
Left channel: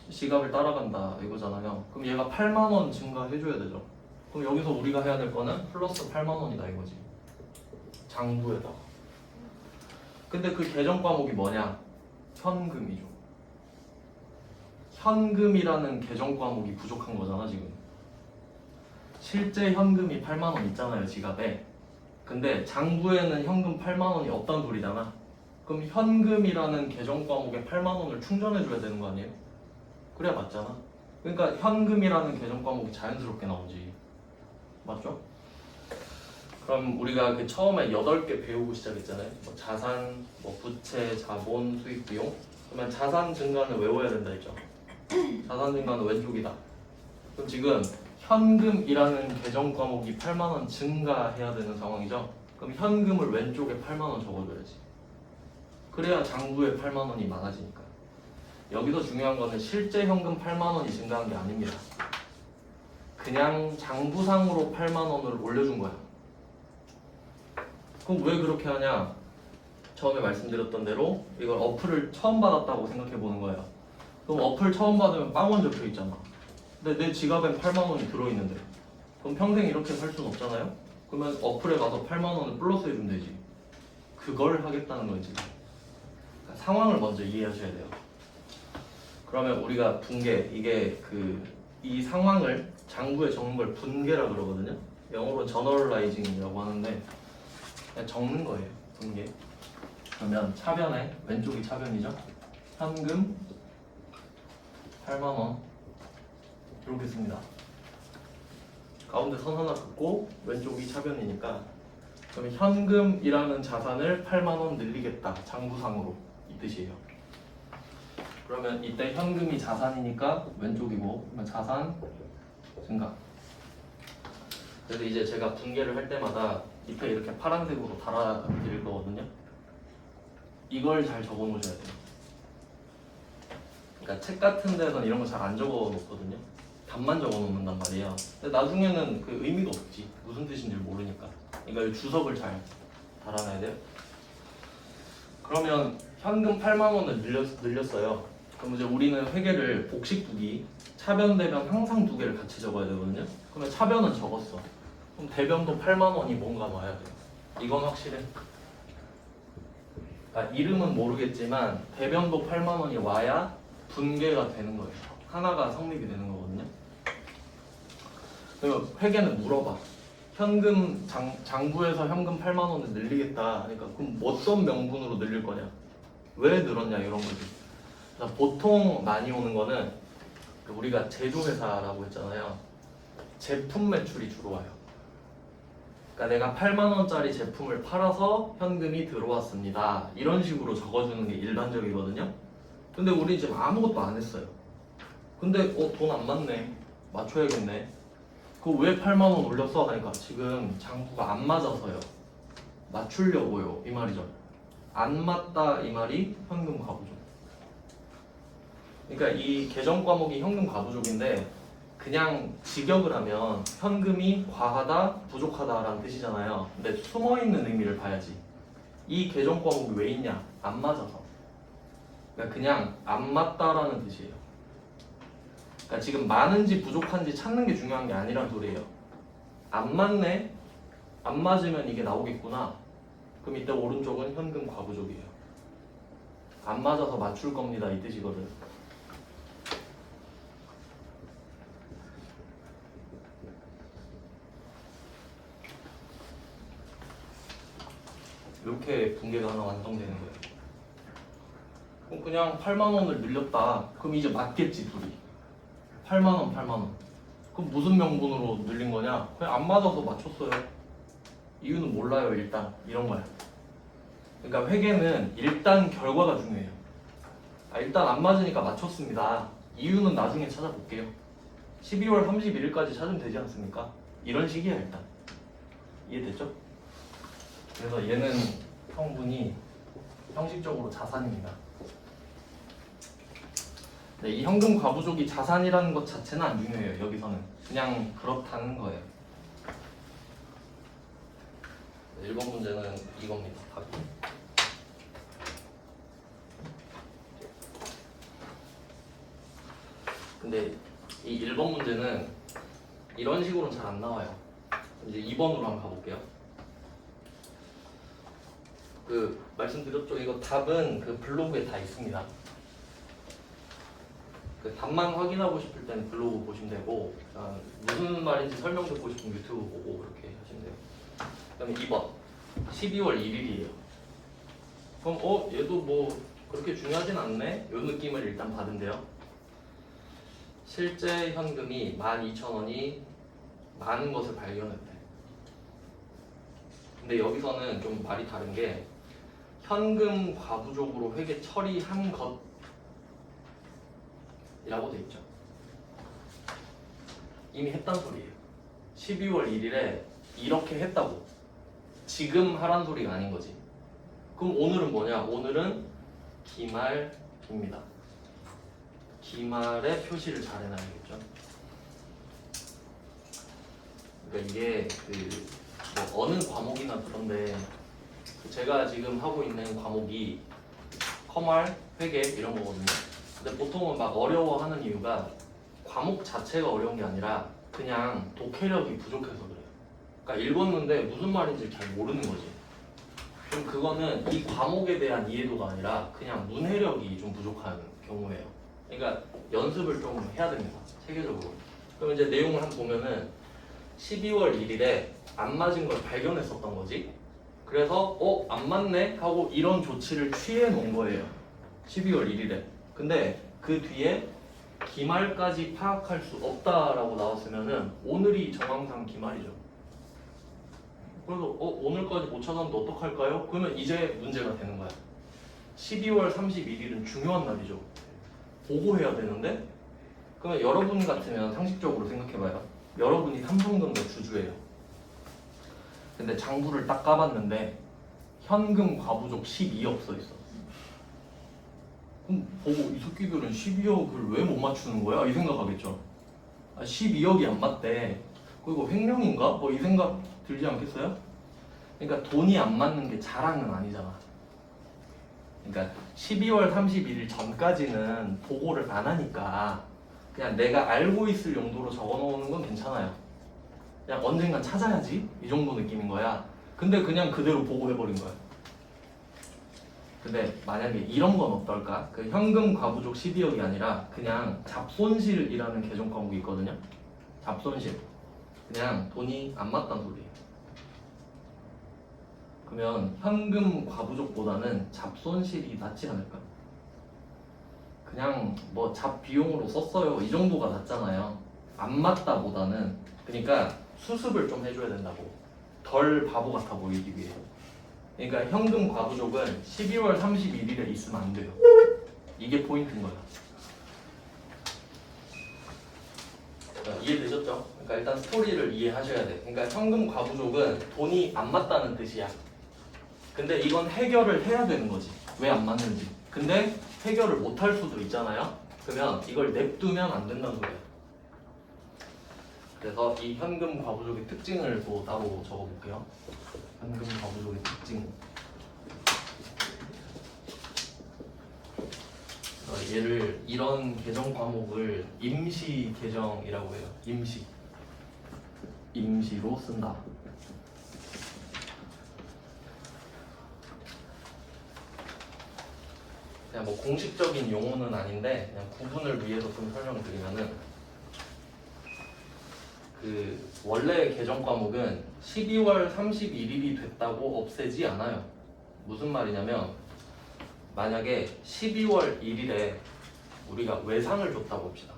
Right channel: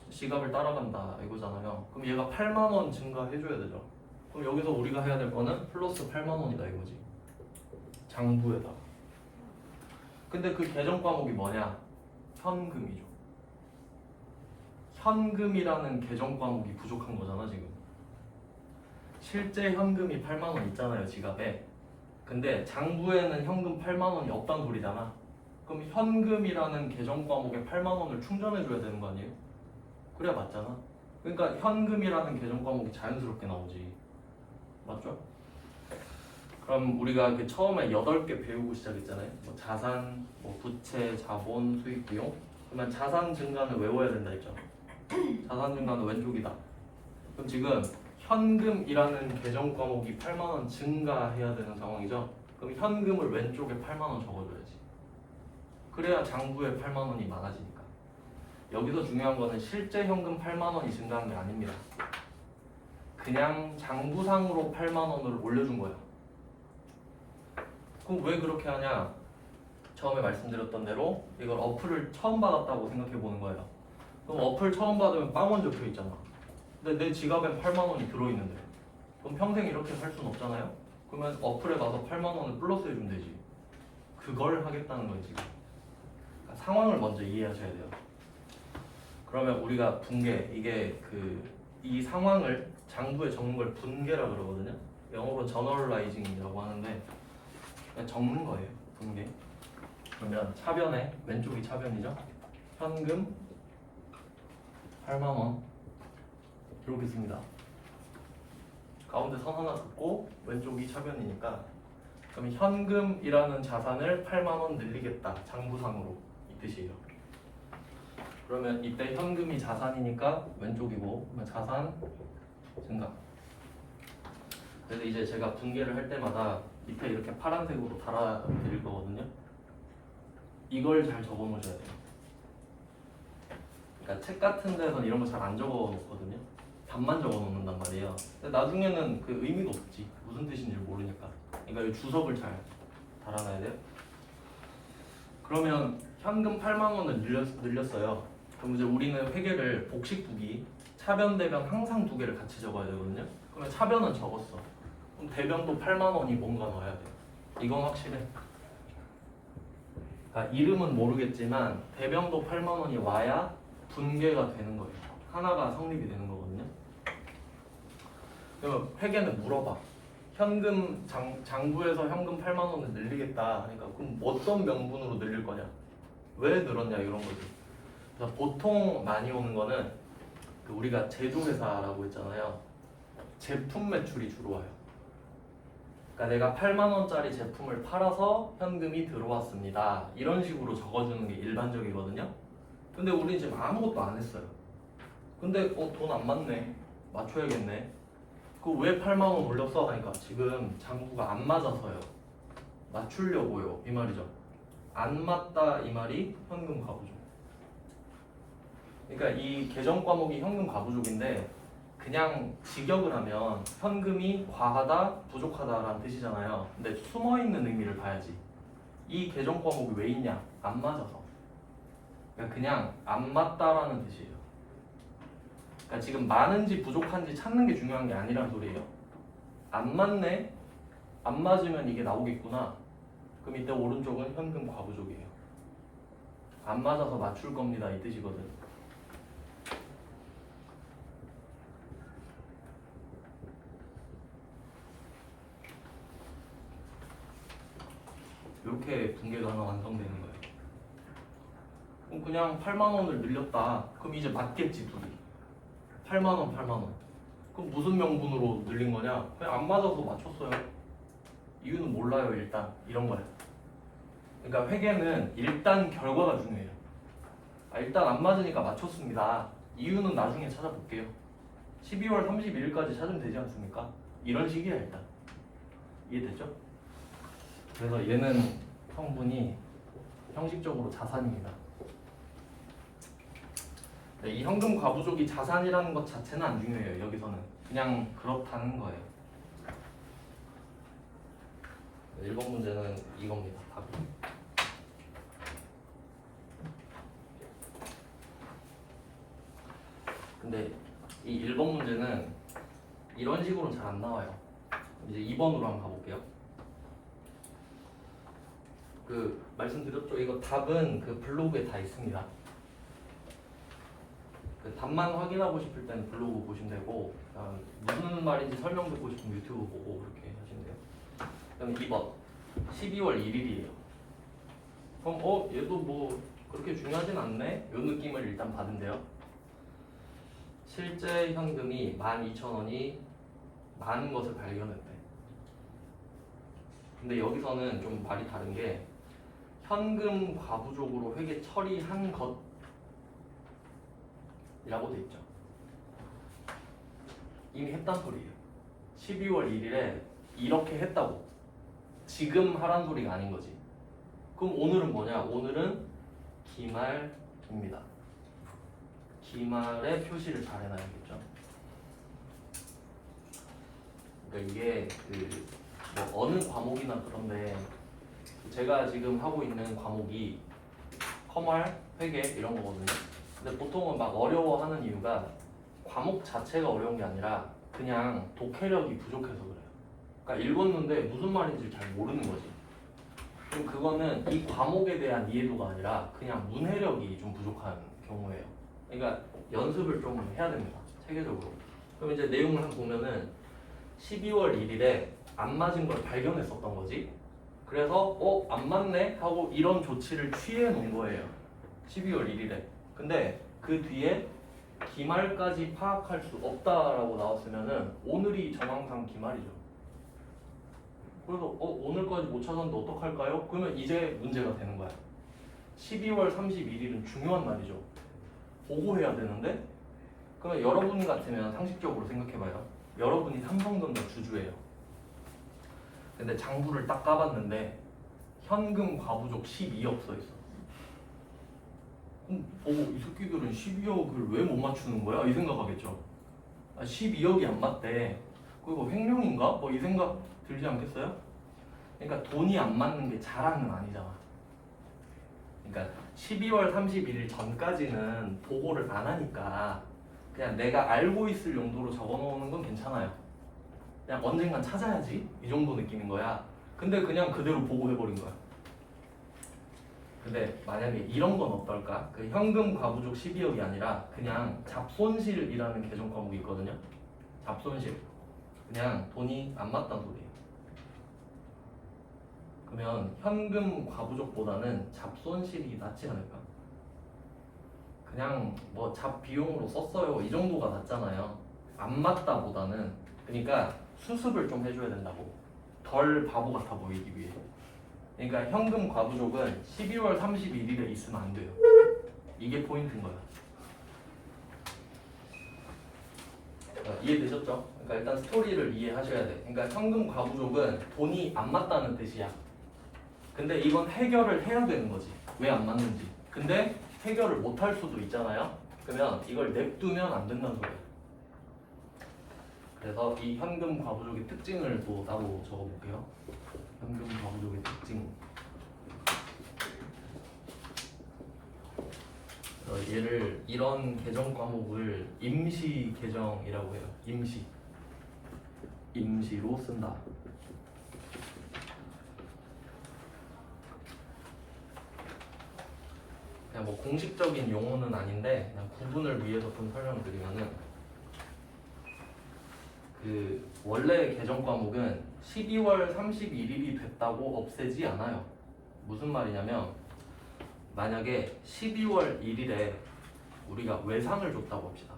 지갑을 따라간다 이거잖아요. 그럼 얘가 8만 원 증가해줘야 되죠. 그럼 여기서 우리가 해야 될 거는 플러스 8만 원이다 이거지. 장부에다가. 근데 그 계정 과목이 뭐냐? 현금이죠. 현금이라는 계정 과목이 부족한 거잖아 지금. 실제 현금이 8만 원 있잖아요 지갑에. 근데 장부에는 현금 8만 원이 없다는 소리잖아. 그럼 현금이라는 계정 과목에 8만 원을 충전해 줘야 되는 거 아니에요? 그래야 맞잖아. 그러니까 현금이라는 계정 과목이 자연스럽게 나오지. 맞죠? 그럼 우리가 그 처음에 8개 배우고 시작했잖아요. 뭐 자산, 뭐 부채, 자본, 수익, 비용. 그러면 자산 증가는 외워야 된다 했죠. 자산 증가는 왼쪽이다. 그럼 지금 현금이라는 계정 과목이 8만 원 증가해야 되는 상황이죠. 그럼 현금을 왼쪽에 8만 원 적어줘야지. 그래야 장부에 8만 원이 많아지니까. 여기서 중요한 거는 실제 현금 8만 원이 증가한 게 아닙니다. 그냥 장부상으로 8만 원을 올려준 거야. 그럼 왜 그렇게 하냐? 처음에 말씀드렸던 대로 이걸 어플을 처음 받았다고 생각해 보는 거예요. 그럼 어플 처음 받으면 빵원 적혀 있잖아. 근데 내 지갑엔 8만 원이 들어있는데 그럼 평생 이렇게 살 수는 없잖아요? 그러면 어플에 가서 8만 원을 플러스 해주면 되지. 그걸 하겠다는 거지. 그러니까 상황을 먼저 이해하셔야 돼요. 그러면 우리가 분계, 이게 이 상황을 장부에 적는 걸 분계라 그러거든요. 영어로 저널라이징이라고 하는데 그냥 적는 거예요. 분계. 그러면 차변에 왼쪽이 차변이죠. 현금 8만 원 이렇게 씁니다. 가운데 선 하나 긋고 왼쪽이 차변이니까 그러면 현금이라는 자산을 8만 원 늘리겠다. 장부상으로 이 뜻이에요. 그러면 이때 현금이 자산이니까 왼쪽이고 그러면 자산 증가. 그래서 이제 제가 분계를 할 때마다 밑에 이렇게 파란색으로 달아드릴 거거든요. 이걸 잘 적어 놓으셔야 돼요. 그러니까 책 같은 데서는 이런 거 잘 안 적어 놓거든요. 답만 적어 놓는단 말이에요. 근데 나중에는 그 의미가 없지. 무슨 뜻인지 모르니까. 그러니까 이 주석을 잘 달아놔야 돼요. 그러면 현금 8만 원을 늘렸어요. 그럼 이제 우리는 회계를 복식두기, 차변, 대변 항상 두 개를 같이 적어야 되거든요. 그러면 차변은 적었어. 그럼 대변도 8만 원이 뭔가 와야 돼. 이건 확실해. 그러니까 이름은 모르겠지만 대변도 8만 원이 와야 분계가 되는 거예요. 하나가 성립이 되는 거거든요. 그러면 회계는 물어봐. 현금 장부에서 현금 8만 원을 늘리겠다. 그러니까 그럼 어떤 명분으로 늘릴 거냐? 왜 늘었냐 이런 거지. 그래서 보통 많이 오는 거는 우리가 제조회사라고 했잖아요. 제품 매출이 주로 와요. 그러니까 내가 8만 원짜리 제품을 팔아서 현금이 들어왔습니다. 이런 식으로 적어주는 게 일반적이거든요. 근데 우리 지금 아무것도 안 했어요. 근데 돈 안 맞네. 맞춰야겠네. 그거 왜 8만 원 올렸어? 하니까 지금 장부가 안 맞아서요. 맞추려고요. 이 말이죠. 안 맞다 이 말이 현금 과부족. 그러니까 이 계정 과목이 현금 과부족인데 그냥 직역을 하면 현금이 과하다, 부족하다라는 뜻이잖아요. 근데 숨어있는 의미를 봐야지. 이 계정 과목이 왜 있냐? 안 맞아서. 그러니까 그냥 안 맞다라는 뜻이에요. 그러니까 지금 많은지 부족한지 찾는 게 중요한 게 아니란 소리예요. 안 맞네? 안 맞으면 이게 나오겠구나. 그럼 이때 오른쪽은 현금 과부족이에요. 안 맞아서 맞출 겁니다 이 뜻이거든. 이렇게 분계가 하나 완성되는 거예요. 그럼 그냥 8만 원을 늘렸다. 그럼 이제 맞겠지 둘이. 8만 원, 8만 원. 그럼 무슨 명분으로 늘린 거냐? 그냥 안 맞아서 맞췄어요. 이유는 몰라요 일단. 이런 거야. 그러니까 회계는 일단 결과가 중요해요. 일단 안 맞으니까 맞췄습니다. 이유는 나중에 찾아볼게요. 12월 31일까지 찾으면 되지 않습니까? 이런 식이야 일단. 이해됐죠? 그래서 얘는 성분이 형식적으로 자산입니다. 네, 이 현금 과부족이 자산이라는 것 자체는 안 중요해요. 여기서는 그냥 그렇다는 거예요. 네, 1번 문제는 이겁니다. 답이. 근데 이 1번 문제는 이런 식으로는 잘 안 나와요. 이제 2번으로 한번 가볼게요. 그 말씀드렸죠. 이거 답은 그 블로그에 다 있습니다. 그 답만 확인하고 싶을 때는 블로그 보시면 되고, 무슨 말인지 설명 듣고 싶으면 유튜브 보고 그렇게 하시면 돼요. 그럼 2번 12월 1일이에요. 그럼 얘도 뭐 그렇게 중요하진 않네? 요 느낌을 일단 받은데요. 실제 현금이 12,000원이 많은 것을 발견했대. 근데 여기서는 좀 말이 다른 게 현금 과부족으로 회계 처리한 것이라고 돼 있죠. 이미 했단 소리예요. 12월 1일에 이렇게 했다고. 지금 하란 소리가 아닌 거지. 그럼 오늘은 뭐냐? 오늘은 기말입니다. 기말에 표시를 잘 해놔야겠죠. 그러니까 이게 뭐 어느 과목이나 그런데 제가 지금 하고 있는 과목이 커말, 회계 이런 거거든요. 근데 보통은 막 어려워하는 이유가 과목 자체가 어려운 게 아니라 그냥 독해력이 부족해서 그래요. 그러니까 읽었는데 무슨 말인지 잘 모르는 거지. 좀 그거는 이 과목에 대한 이해도가 아니라 그냥 문해력이 좀 부족한 경우예요. 그러니까 연습을 좀 해야 됩니다. 체계적으로. 그럼 이제 내용을 한번 보면은 12월 1일에 안 맞은 걸 발견했었던 거지. 그래서 안 맞네 하고 이런 조치를 취해 놓은 거예요. 12월 1일에. 근데 그 뒤에 기말까지 파악할 수 없다라고 나왔으면은 오늘이 정황상 기말이죠. 그래서 오늘까지 못 찾았는데 어떡할까요? 그러면 이제 문제가 되는 거야. 12월 31일은 중요한 날이죠. 보고해야 되는데 그러면 여러분 같으면 상식적으로 생각해봐요. 여러분이 삼성전자 주주예요. 근데 장부를 딱 까봤는데 현금 과부족 12억 써있어. 그럼 보고 이 새끼들은 12억을 왜 못 맞추는 거야? 이 생각하겠죠. 12억이 안 맞대. 그리고 횡령인가? 뭐 이 생각 들지 않겠어요? 그러니까 돈이 안 맞는 게 자랑은 아니잖아. 그러니까 12월 31일 전까지는 보고를 안 하니까 그냥 내가 알고 있을 용도로 적어놓는 건 괜찮아요. 그냥 언젠간 찾아야지 이 정도 느낌인 거야. 근데 그냥 그대로 보고해버린 거야. 근데 만약에 이런 건 어떨까? 그 현금 과부족 12억이 아니라 그냥 잡손실이라는 계정 과목이 있거든요. 잡손실. 그냥 돈이 안 맞다는 소리예요. 그러면 현금 과부족보다는 잡손실이 낫지 않을까? 그냥 뭐 잡비용으로 썼어요 이 정도가 낫잖아요. 안 맞다보다는. 그러니까 수습을 좀 해줘야 된다고. 더 덜 바보 같아 보이기 위해. 그러니까 현금 과부족은 12월 31일에 있으면 안 돼요. 이게 포인트인 거야. 이해되셨죠? 그러니까 일단 스토리를 이해하셔야 돼. 그러니까 현금 과부족은 돈이 안 맞다는 뜻이야. 근데 이건 해결을 해야 되는 거지. 왜 안 맞는지. 근데 해결을 못 할 수도 있잖아요. 그러면 이걸 냅두면 안 된다는 소리야. 그래서 이 현금 과부족의 특징을 또 따로 적어볼게요. 현금 과부족의 특징. 얘를 이런 계정 과목을 임시 계정이라고 해요. 임시로 쓴다. 그냥 뭐 공식적인 용어는 아닌데 그냥 구분을 위해서 좀 설명을 드리면은 그 원래 계정 과목은 12월 31일이 됐다고 없애지 않아요. 무슨 말이냐면 만약에 12월 1일에 우리가 외상을 줬다고 봅시다.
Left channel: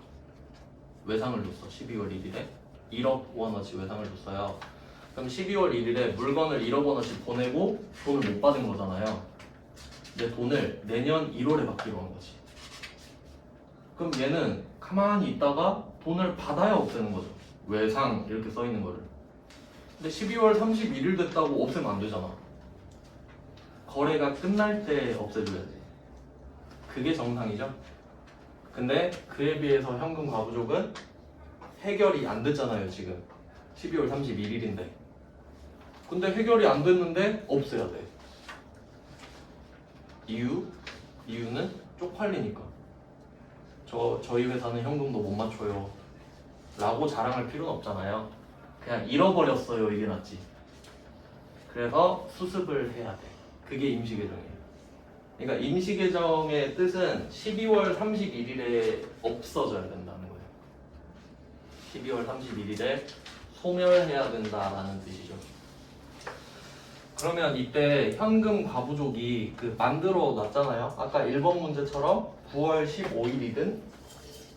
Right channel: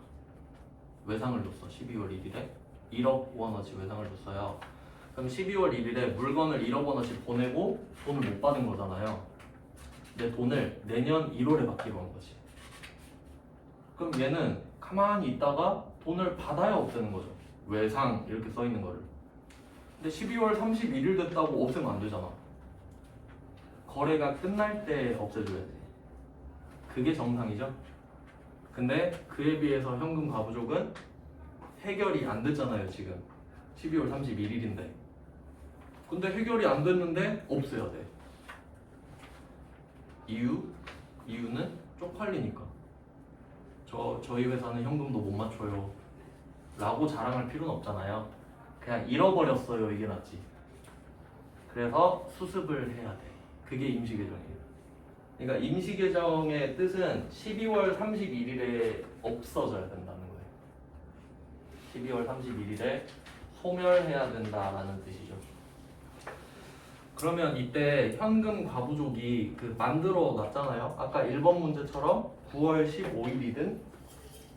외상을 줬어. 12월 1일에 1억 원어치 외상을 줬어요. 그럼 12월 1일에 물건을 1억 원어치 보내고 돈을 못 받은 거잖아요. 내 돈을 내년 1월에 받기로 한 거지. 그럼 얘는 가만히 있다가 돈을 받아야 없애는 거죠. 외상 이렇게 써 있는 거를. 근데 12월 31일 됐다고 없애면 안 되잖아. 거래가 끝날 때 없애줘야지. 그게 정상이죠. 근데 그에 비해서 현금 과부족은 해결이 안 됐잖아요. 지금 12월 31일인데. 근데 해결이 안 됐는데 없애야 돼. 이유는 쪽팔리니까. 저희 회사는 현금도 못 맞춰요 라고 자랑할 필요는 없잖아요. 그냥 잃어버렸어요 이게 낫지. 그래서 수습을 해야 돼. 그게 임시계정이에요. 그러니까 임시계정의 뜻은 12월 31일에 없어져야 된다는 거예요. 12월 31일에 소멸해야 된다라는 뜻이죠. 그러면 이때 현금 과부족이 그 만들어 놨잖아요. 아까 1번 문제처럼 9월 15일이든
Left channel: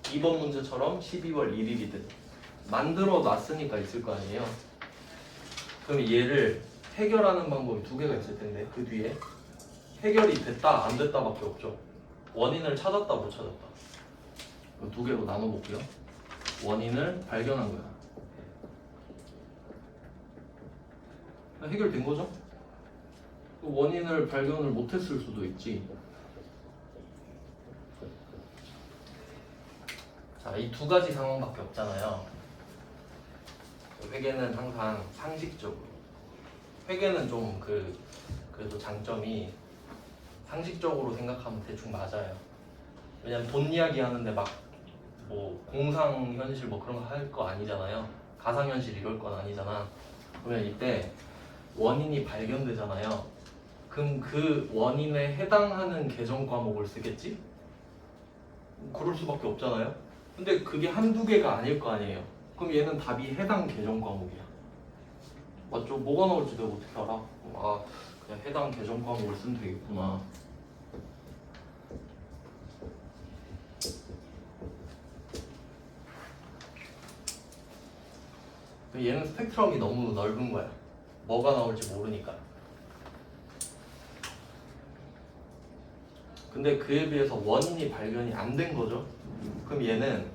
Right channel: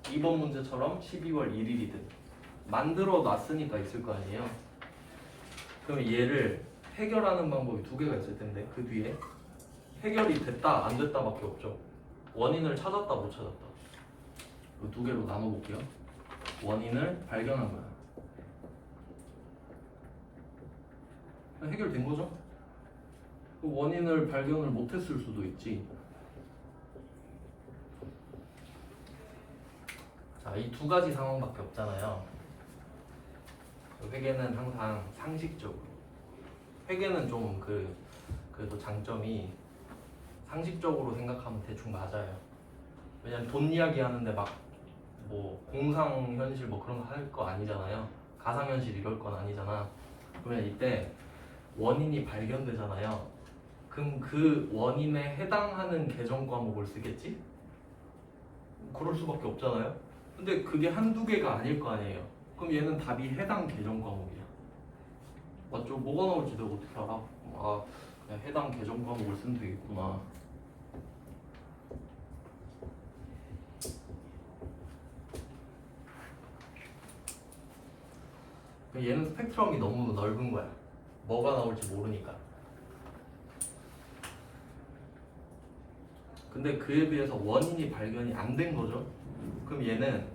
2번 문제처럼 12월 1일이든 만들어 놨으니까 있을 거 아니에요. 그럼 얘를 해결하는 방법이 두 개가 있을 텐데 그 뒤에 해결이 됐다 안 됐다밖에 없죠. 원인을 찾았다 못 찾았다. 이 두 개로 나눠볼게요. 원인을 발견한 거야. 해결된 거죠? 그 원인을 발견을 못했을 수도 있지. 자, 이 두 가지 상황밖에 없잖아요. 회계는 항상 상식적으로. 회계는 좀 그래도 장점이 상식적으로 생각하면 대충 맞아요. 왜냐면 돈 이야기 하는데 막 뭐 공상현실 뭐 그런 거 할 거 아니잖아요. 가상현실 이럴 건 아니잖아. 그러면 이때 원인이 발견되잖아요. 그럼 그 원인에 해당하는 계정 과목을 쓰겠지? 그럴 수밖에 없잖아요. 근데 그게 한두 개가 아닐 거 아니에요. 그럼 얘는 답이 해당 계정 과목이야. 맞죠? 뭐가 나올지 내가 어떻게 알아? 아, 그냥 해당 계정 과목을 쓰면 되겠구나. 얘는 스펙트럼이 너무 넓은 거야. 뭐가 나올지 모르니까. 근데 그에 비해서 원인이 발견이 안 된 거죠. 그럼 얘는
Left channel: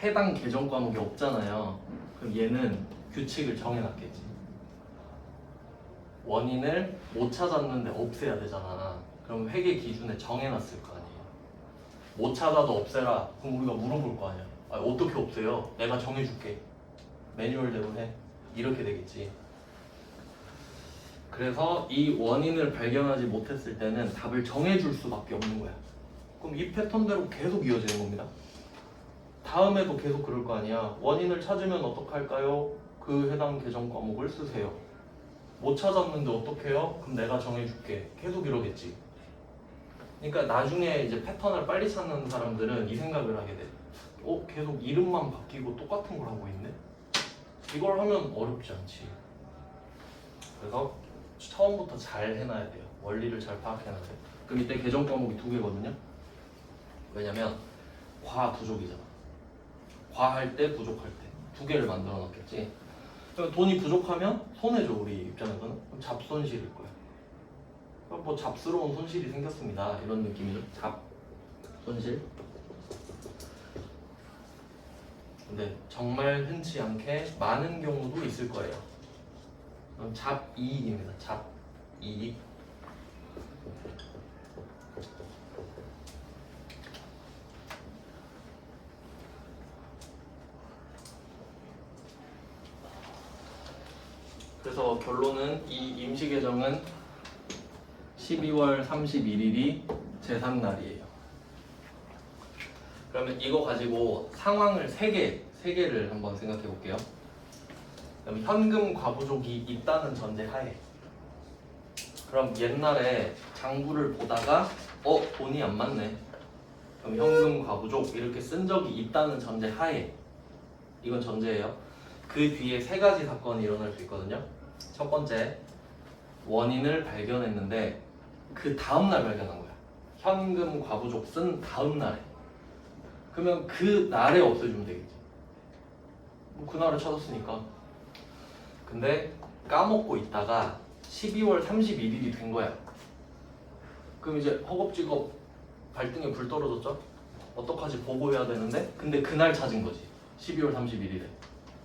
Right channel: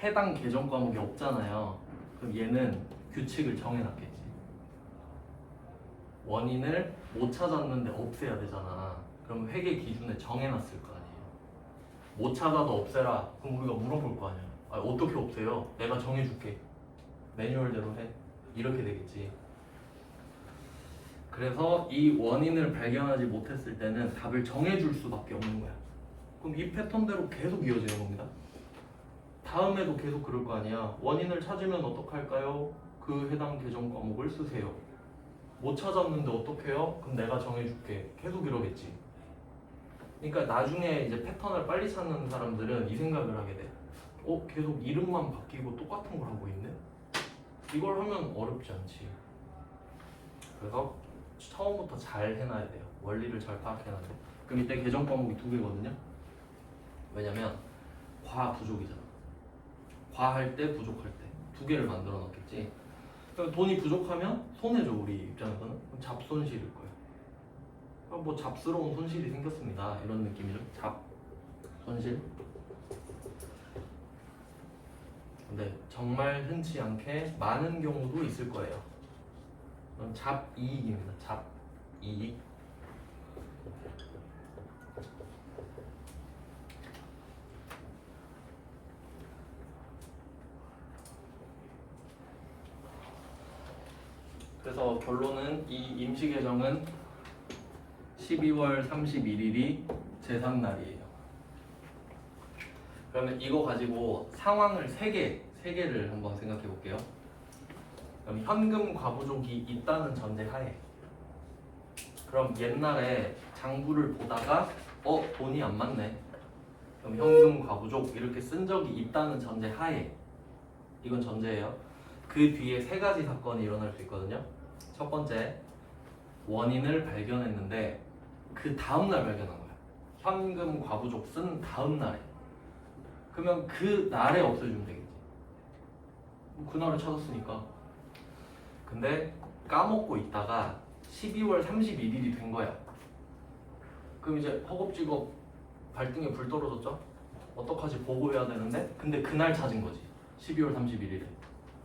해당 계정 과목이 없잖아요. 그럼 얘는 규칙을 정해놨겠지. 원인을 못 찾았는데 없애야 되잖아. 그럼 회계 기준에 정해놨을 거 아니에요. 못 찾아도 없애라. 그럼 우리가 물어볼 거 아니야. 아, 어떻게 없애요? 내가 정해줄게. 매뉴얼대로 해. 이렇게 되겠지. 그래서 이 원인을 발견하지 못했을 때는 답을 정해줄 수밖에 없는 거야. 그럼 이 패턴대로 계속 이어지는 겁니다. 다음에도 계속 그럴 거 아니야. 원인을 찾으면 어떡할까요? 그 해당 계정 과목을 쓰세요. 못 찾았는데 어떡해요? 그럼 내가 정해줄게. 계속 이러겠지. 그러니까 나중에 이제 패턴을 빨리 찾는 사람들은 이 생각을 하게 돼. 계속 이름만 바뀌고 똑같은 걸 하고 있네? 이걸 하면 어렵지 않지. 그래서 처음부터 잘 해놔야 돼요. 원리를 잘 파악해놔야 돼요. 그럼 이때 계정 과목이 두 개거든요. 왜냐면 과 부족이잖아. 과할 때 부족할 때 두 개를 만들어 놨겠지. 그러니까 돈이 부족하면 손해죠 우리 입장에서는. 그럼 잡손실일 거야. 뭐 잡스러운 손실이 생겼습니다. 이런 느낌이죠. 잡손실. 근데 정말 흔치 않게 많은 경우도 있을 거예요. 그럼 잡이익입니다. 잡이익. 그래서 결론은 이 임시계정은 12월 31일이 제3날이에요. 그러면 이거 가지고 상황을 3개를 한번 생각해 볼게요. 그럼 현금 과부족이 있다는 전제 하에, 그럼 옛날에 장부를 보다가 돈이 안 맞네. 그럼 현금 과부족 이렇게 쓴 적이 있다는 전제 하에, 이건 전제예요. 그 뒤에 3가지 사건이 일어날 수 있거든요. 첫 번째, 원인을 발견했는데 그 다음날 발견한 거야. 현금 과부족 쓴 다음날에. 그러면 그 날에 없애주면 되겠지. 뭐 그날을 찾았으니까. 근데 까먹고 있다가 12월 31일이 된 거야. 그럼 이제 허겁지겁 발등에 불 떨어졌죠? 어떡하지? 보고해야 되는데 근데 그날 찾은 거지. 12월 31일에.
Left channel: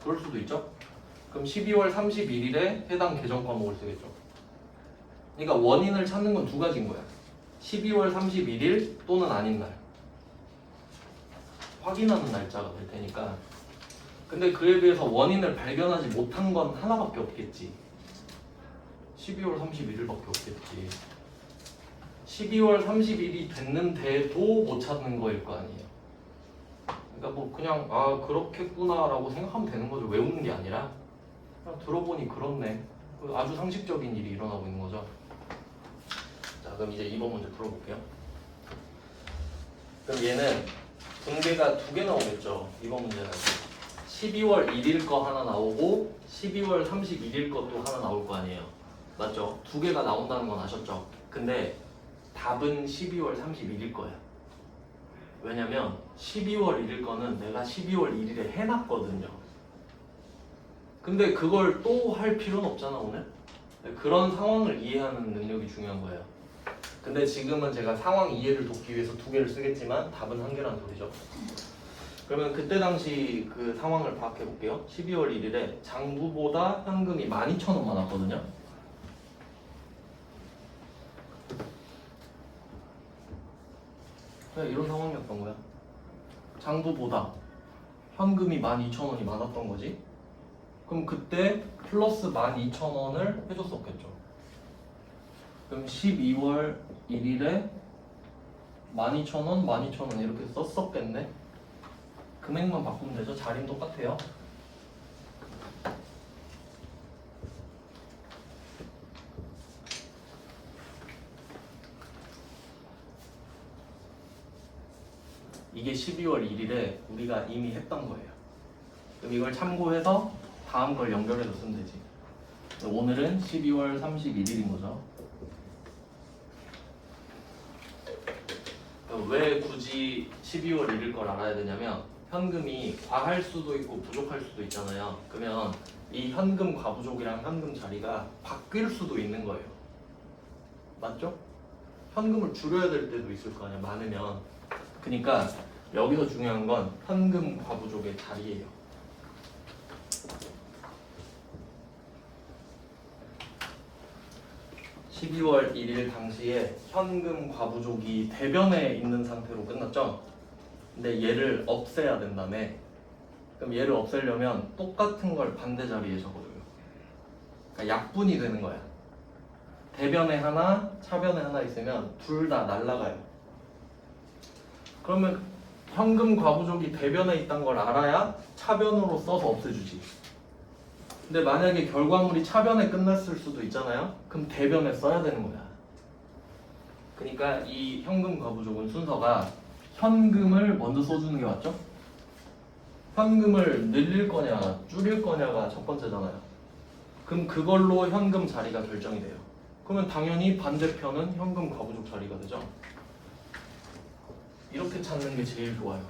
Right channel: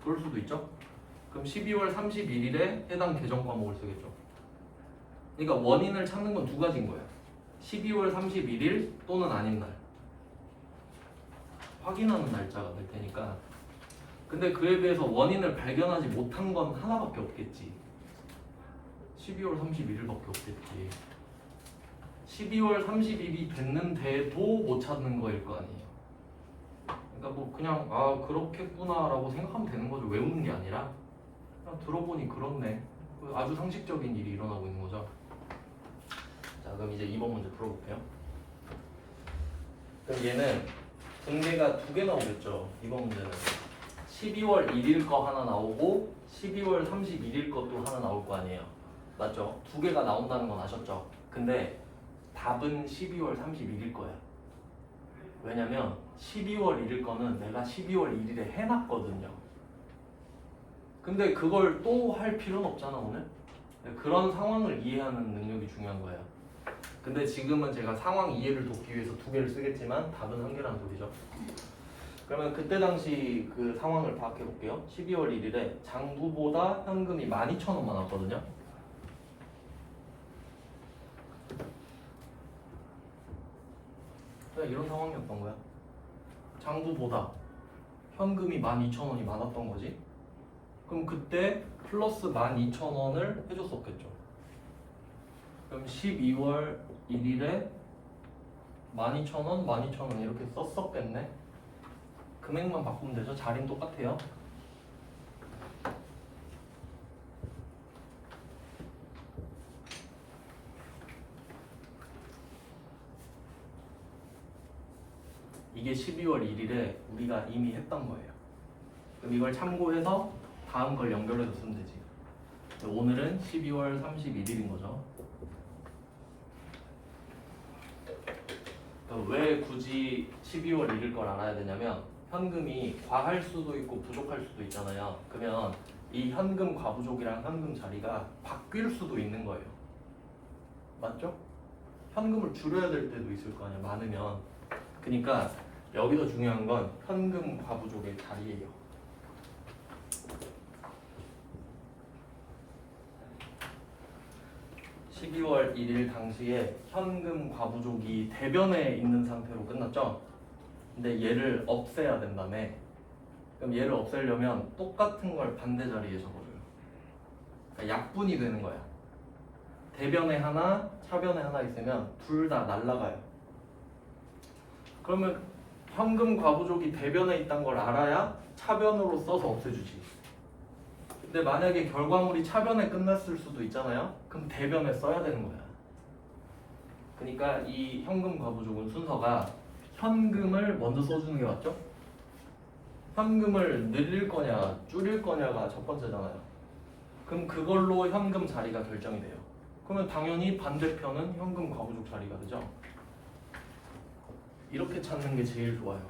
그럴 수도 있죠? 그럼 12월 31일에 해당 계정 과목을 쓰겠죠. 그러니까 원인을 찾는 건 2가지인 거야. 12월 31일 또는 아닌 날. 확인하는 날짜가 될 테니까. 근데 그에 비해서 원인을 발견하지 못한 건 하나밖에 없겠지. 12월 31일밖에 없겠지. 12월 30일이 됐는데도 못 찾는 거일 거 아니에요. 그러니까 뭐 그냥 그렇겠구나라고 생각하면 되는 거죠. 외우는 게 아니라 그냥 들어보니 그렇네. 아주 상식적인 일이 일어나고 있는 거죠. 자, 그럼 이제 2번 문제 풀어볼게요. 그럼 얘는 분계가 2개 나오겠죠. 2번 문제는 12월 1일 거 하나 나오고 12월 31일 것도 하나 나올 거 아니에요. 맞죠? 2개가 나온다는 건 아셨죠? 근데 답은 12월 31일 거예요. 왜냐면 12월 1일 거는 내가 12월 1일에 해놨거든요. 근데 그걸 또 할 필요는 없잖아 오늘. 그런 상황을 이해하는 능력이 중요한 거예요. 근데 지금은 제가 상황 이해를 돕기 위해서 2개를 쓰겠지만 답은 1개라는 소리죠. 그러면 그때 당시 그 상황을 파악해 볼게요. 12월 1일에 장부보다 현금이 12,000원 많았거든요. 그냥 이런 상황이었던 거야. 장부보다 현금이 12,000원이 많았던 거지. 그럼 그때 플러스 12,000원을 해줬었겠죠. 그럼 12월 1일에 12,000원, 12,000원 이렇게 썼었겠네. 금액만 바꾸면 되죠. 자리는 똑같아요. 이게 12월 1일에 우리가 이미 했던 거예요. 그럼 이걸 참고해서 다음 걸 연결해서 쓰면 되지. 오늘은 12월 31일인 거죠. 왜 굳이 12월 1일 걸 알아야 되냐면 현금이 과할 수도 있고 부족할 수도 있잖아요. 그러면 이 현금 과부족이랑 현금 자리가 바뀔 수도 있는 거예요. 맞죠? 현금을 줄여야 될 때도 있을 거 아니야, 많으면. 그러니까 여기서 중요한 건 현금 과부족의 자리예요. (12월 1일) 당시에 현금 과부족이 대변에 있는 상태로 끝났죠? 근데 얘를 없애야 된다며. 그럼 얘를 없애려면 똑같은 걸 반대 자리에 적어줘요. 그러니까 약분이 되는 거야. 대변에 하나, 차변에 하나 있으면 둘 다 날라가요. 그러면 현금 과부족이 대변에 있다는 걸 알아야 차변으로 써서 없애주지. 근데 만약에 결과물이 차변에 끝났을 수도 있잖아요. 그럼 대변에 써야 되는 거야. 그러니까 이 현금 과부족은 순서가 현금을 먼저 써주는 게 맞죠? 현금을 늘릴 거냐 줄일 거냐가 첫 번째잖아요. 그럼 그걸로 현금 자리가 결정이 돼요. 그러면 당연히 반대편은 현금 과부족 자리가 되죠. 이렇게 찾는 게 제일 좋아요.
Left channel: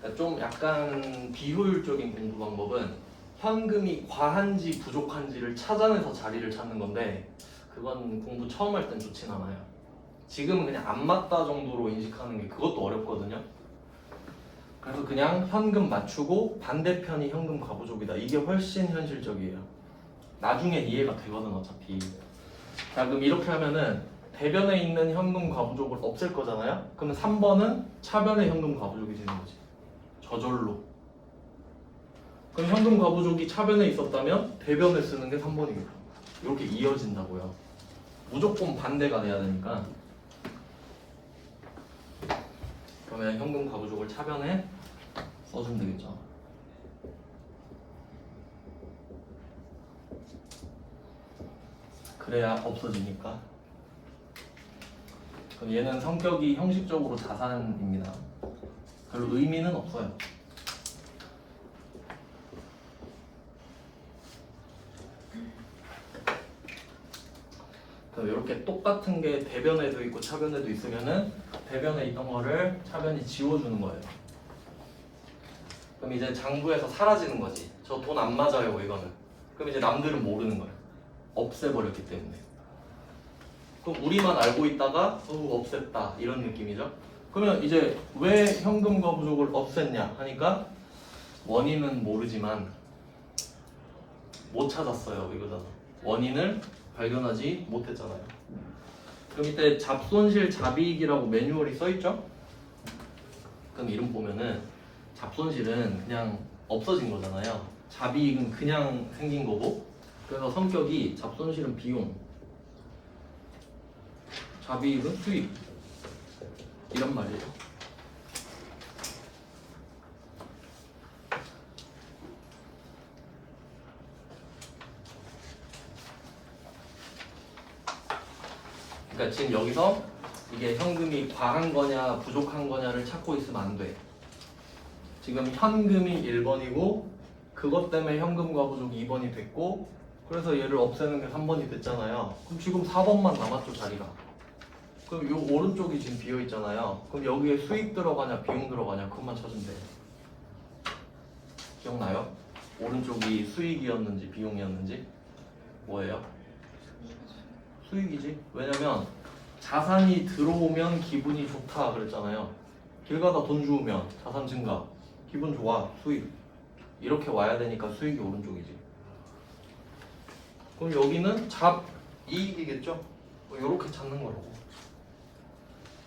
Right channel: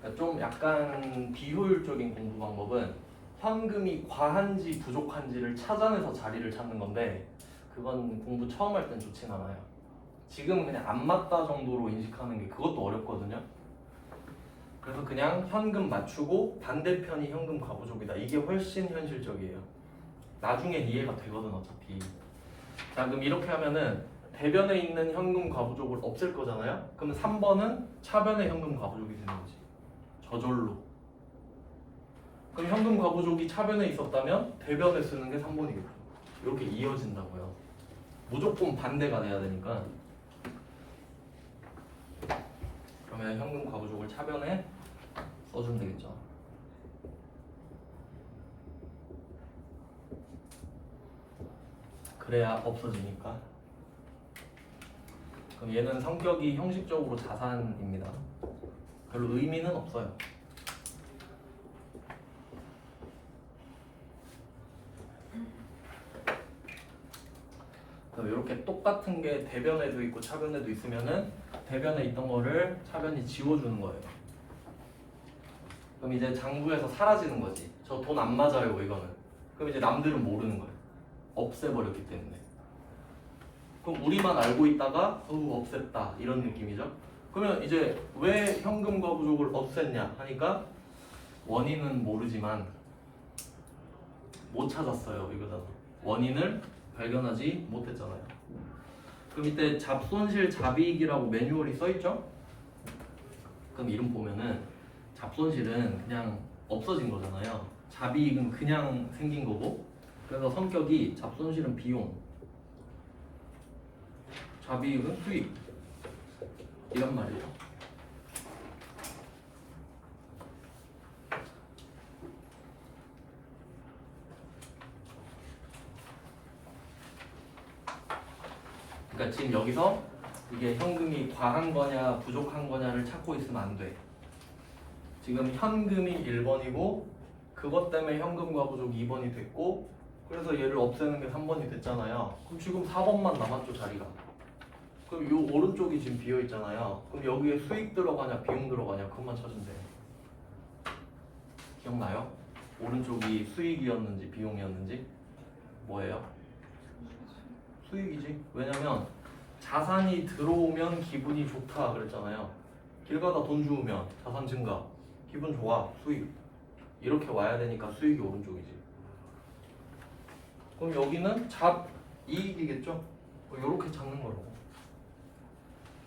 그러니까 좀 약간 비효율적인 공부 방법은 현금이 과한지 부족한지를 찾아내서 자리를 찾는 건데 그건 공부 처음 할 땐 좋진 않아요. 지금 그냥 안 맞다 정도로 인식하는 게 그것도 어렵거든요. 그래서 그냥 현금 맞추고 반대편이 현금 과부족이다. 이게 훨씬 현실적이에요. 나중엔 이해가 되거든 어차피. 자 그럼 이렇게 하면은 대변에 있는 현금 과부족을 없앨 거잖아요. 그러면 3번은 차변의 현금 과부족이 되는 거지. 저절로. 그럼 현금 과부족이 차변에 있었다면 대변에 쓰는 게 3번이겠죠. 이렇게 이어진다고요. 무조건 반대가 돼야 되니까. 그러면 현금 과부족을 차변에 써주면 되겠죠. 그래야 없어지니까. 그럼 얘는 성격이 형식적으로 자산입니다. 별로 의미는 없어요. 그럼 이렇게 똑같은 게 대변에도 있고 차변에도 있으면은 대변에 있던 거를 차변이 지워주는 거예요. 그럼 이제 장부에서 사라지는 거지. 저 돈 안 맞아요 이거는. 그럼 이제 남들은 모르는 거예요. 없애버렸기 때문에. 그럼 우리만 알고 있다가 없앴다 이런 느낌이죠. 그러면 이제 왜 현금 과부족을 없앴냐 하니까 원인은 모르지만 못 찾았어요 이거잖아. 원인을 발견하지 못했잖아요. 그럼 이때 잡손실 잡이익이라고 매뉴얼이 써있죠? 그럼 이름 보면은 잡손실은 그냥 없어진 거잖아요. 잡이익은 그냥 생긴 거고. 그래서 성격이 잡손실은 비용, 잡이익은 수익 이란 말이에요. 그러니까 지금 여기서 이게 현금이 과한 거냐 부족한 거냐를 찾고 있으면 안 돼. 지금 현금이 1번이고 그것 때문에 현금 과부족이 2번이 됐고 그래서 얘를 없애는 게 3번이 됐잖아요. 그럼 지금 4번만 남았죠 자리가. 그럼 이 오른쪽이 지금 비어 있잖아요. 그럼 여기에 수익 들어가냐 비용 들어가냐 그것만 찾으면 돼요. 기억나요? 오른쪽이 수익이었는지 비용이었는지 뭐예요? 수익이지. 왜냐면 자산이 들어오면 기분이 좋다 그랬잖아요. 길 가다 돈 주우면 자산 증가, 기분 좋아, 수익. 이렇게 와야 되니까 수익이 오른쪽이지. 그럼 여기는 잡이익이겠죠? 이렇게 찾는 거라고.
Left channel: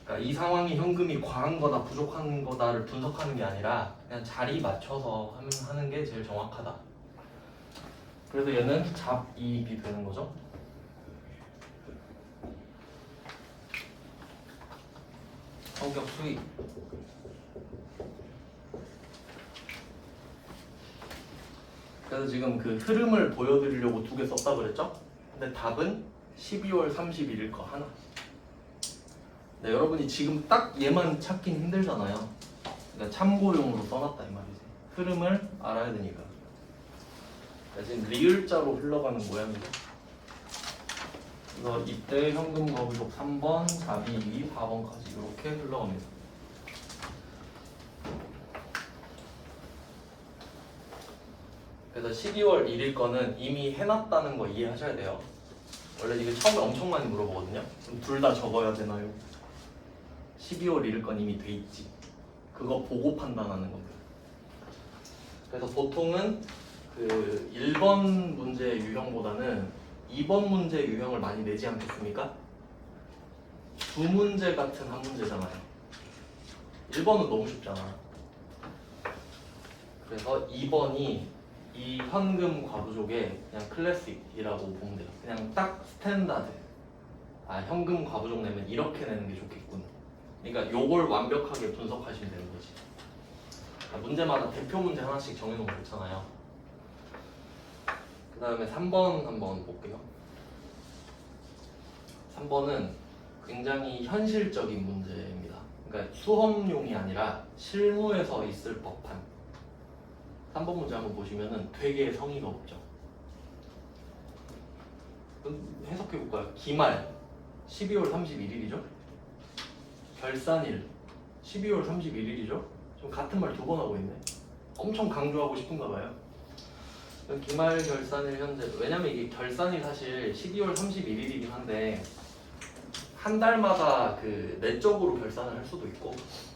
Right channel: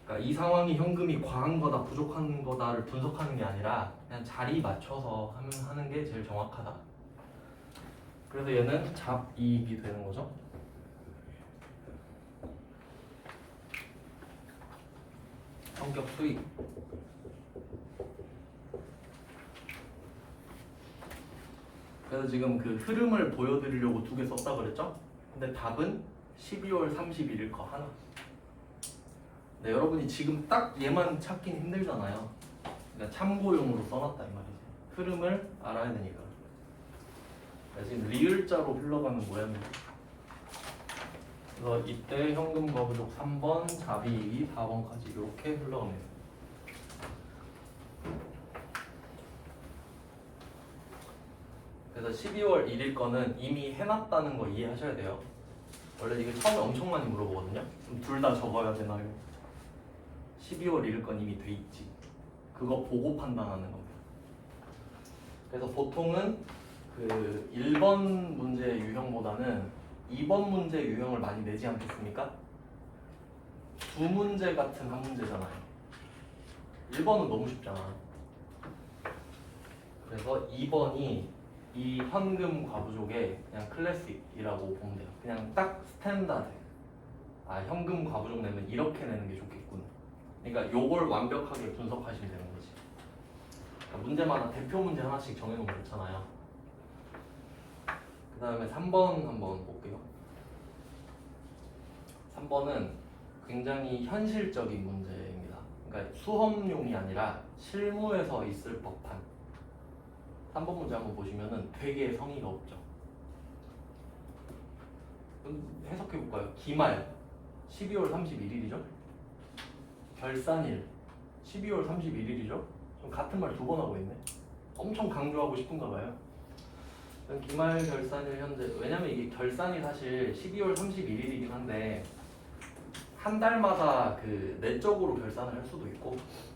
그러니까 이 상황이 현금이 과한 거다 부족한 거다를 분석하는 게 아니라 그냥 자리 맞춰서 하는 게 제일 정확하다. 그래서 얘는 잡이익이 되는 거죠. 성격 수익. 그래서 지금 그 흐름을 보여드리려고 2개 썼다 그랬죠? 근데 답은 12월 31일 거 하나. 네, 여러분이 지금 딱 얘만 찾긴 힘들잖아요. 그러니까 참고용으로 써놨다 이 말이지. 흐름을 알아야 되니까. 그러니까 지금 리을자로 흘러가는 모양이죠. 그래서 이때 현금 거부족 3번, 잡이익이 4번까지 이렇게 흘러갑니다. 그래서 12월 1일 거는 이미 해놨다는 거 이해하셔야 돼요. 원래 이거 처음에 엄청 많이 물어보거든요. 그럼 둘 다 적어야 되나요? 12월 1일 건 이미 돼 있지. 그거 보고 판단하는 겁니다. 그래서 보통은 그 1번 문제 유형보다는 2번 문제 유형을 많이 내지 않겠습니까? 두 문제 같은 한 문제잖아요. 1번은 너무 쉽잖아. 그래서 2번이 이 현금 과부족의 그냥 클래식이라고 보면 돼요. 그냥 딱 스탠다드. 아 현금 과부족 내면 이렇게 내는 게 좋겠군. 그러니까 요걸 완벽하게 분석하시면 되는 거지. 문제마다 대표 문제 하나씩 정해놓으면 좋잖아요. 그 다음에 3번 한번 볼게요. 3번은 굉장히 현실적인 문제입니다. 그러니까 수험용이 아니라 실무에서 있을 법한. 3번 문제 한번 보시면은 되게 성의가 없죠. 해석해볼까요? 기말 12월 31일이죠? 결산일 12월 31일이죠? 좀 같은 말 2번 하고 있네. 엄청 강조하고 싶은가 봐요. 기말 결산일 현재. 왜냐면 이게 결산이 사실 12월 31일이긴 한데 한 달마다 그 내적으로 결산을 할 수도 있고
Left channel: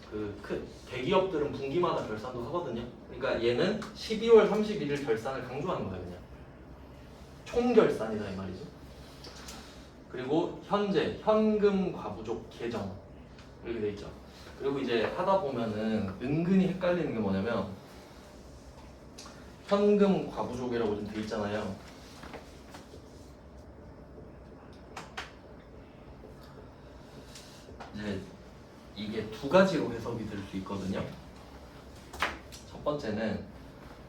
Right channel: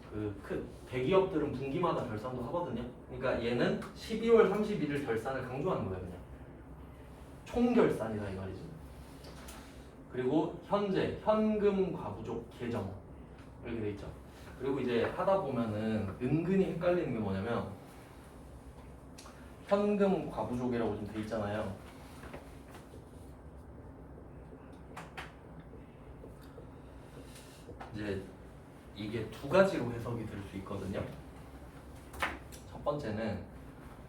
그 큰 대기업들은 분기마다 결산도 하거든요. 그러니까 얘는 12월 31일 결산을 강조하는 거예요, 그냥. 총 결산이다 이 말이죠. 그리고 현재 현금 과부족 계정 이렇게 돼 있죠. 그리고 이제 하다 보면은 은근히 헷갈리는 게 뭐냐면 현금 과부족이라고 좀 돼 있잖아요. 이제 이게 두 가지로 해석이 될 수 있거든요. 첫 번째는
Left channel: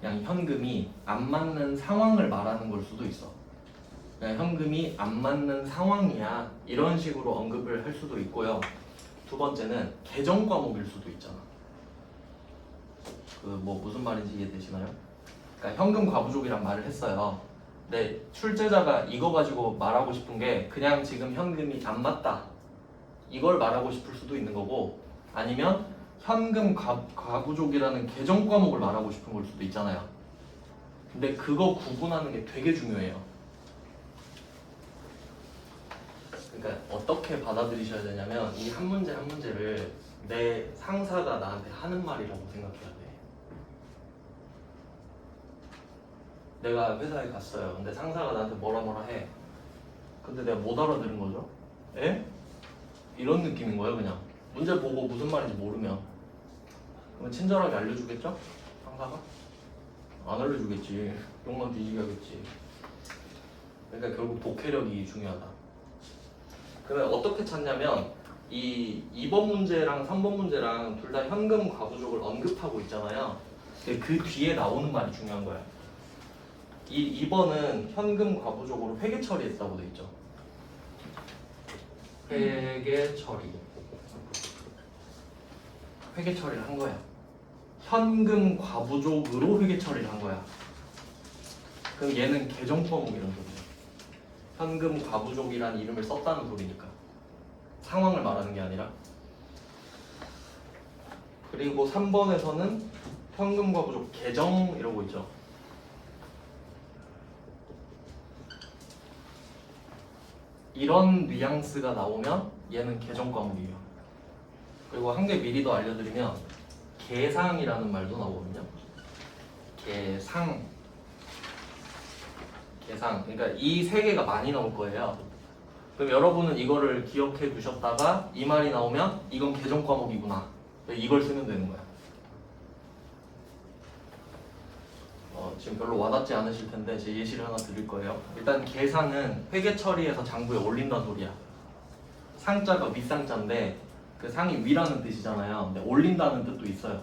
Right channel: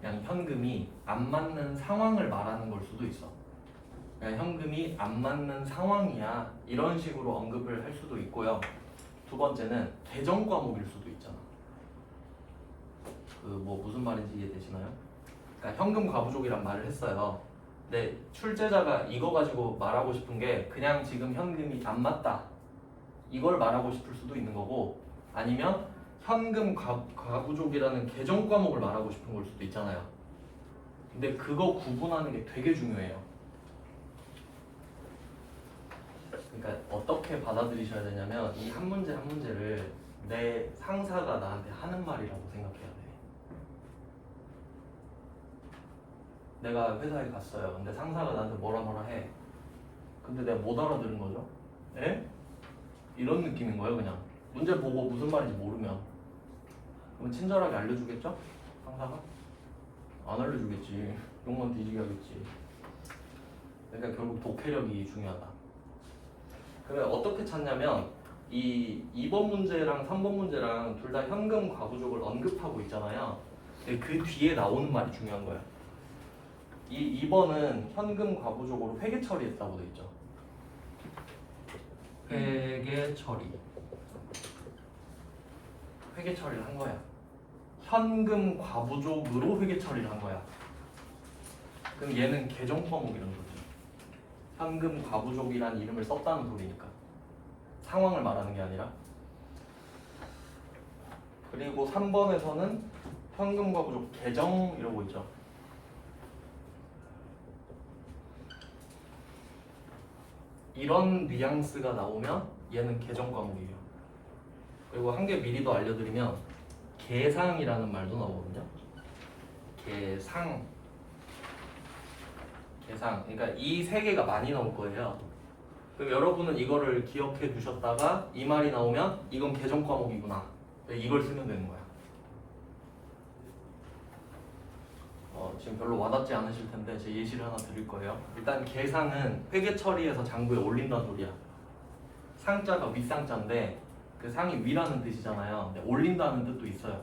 그냥 현금이 안 맞는 상황을 말하는 걸 수도 있어. 그냥 현금이 안 맞는 상황이야 이런 식으로 언급을 할 수도 있고요. 두 번째는 계정 과목일 수도 있잖아. 그 뭐 무슨 말인지 이해되시나요? 그러니까 현금 과부족이란 말을 했어요. 근데 출제자가 이거 가지고 말하고 싶은 게 그냥 지금 현금이 안 맞다 이걸 말하고 싶을 수도 있는 거고, 아니면 현금 과부족이라는 계정 과목을 말하고 싶은 걸 수도 있잖아요. 근데 그거 구분하는 게 되게 중요해요. 그러니까 어떻게 받아들이셔야 되냐면 이 한 문제 한 문제를 내 상사가 나한테 하는 말이라고 생각해야 돼. 내가 회사에 갔어요. 근데 상사가 나한테 뭐라 해. 근데 내가 못 알아들은 거죠. 에? 이런 느낌인 거예요, 그냥. 문제 보고 무슨 말인지 모르면. 그러면 친절하게 알려주겠죠? 상사가? 안 알려주겠지. 욕만 뒤지게 하겠지. 그러니까 결국 독해력이 중요하다. 그러면 어떻게 찾냐면 이 2번 문제랑 3번 문제랑 둘 다 현금 과부족을 언급하고 있잖아요. 근데 그 뒤에 나오는 말이 중요한 거야. 이 2번은 현금 과부족으로 회계 처리했다고 돼 있죠. 회계 처리. 회계 처리를 한 거야. 현금 과부족으로 회계 처리를 한 거야. 그럼 얘는 계정 과목이라는 소리지. 현금 과부족이라는 이름을 썼다는 소리니까. 상황을 말하는 게 아니라. 그리고 3번에서는 현금 과부족 계정 이러고 있죠. 이런 뉘앙스가 나오면 얘는 계정 과목이에요. 그리고 한 개 미리 더 알려드리면 계상이라는 말도 나오거든요. 계상. 그러니까 이 세 개가 많이 나올 거예요. 그럼 여러분은 이거를 기억해 두셨다가 이 말이 나오면 이건 계정 과목이구나. 이걸 쓰면 되는 거야. 지금 별로 와닿지 않으실 텐데 제 예시를 하나 드릴 거예요. 일단 계상은 회계 처리해서 장부에 올린다는 소리야. 상자가 윗상자인데 그 상이 위라는 뜻이잖아요. 근데 올린다는 뜻도 있어요.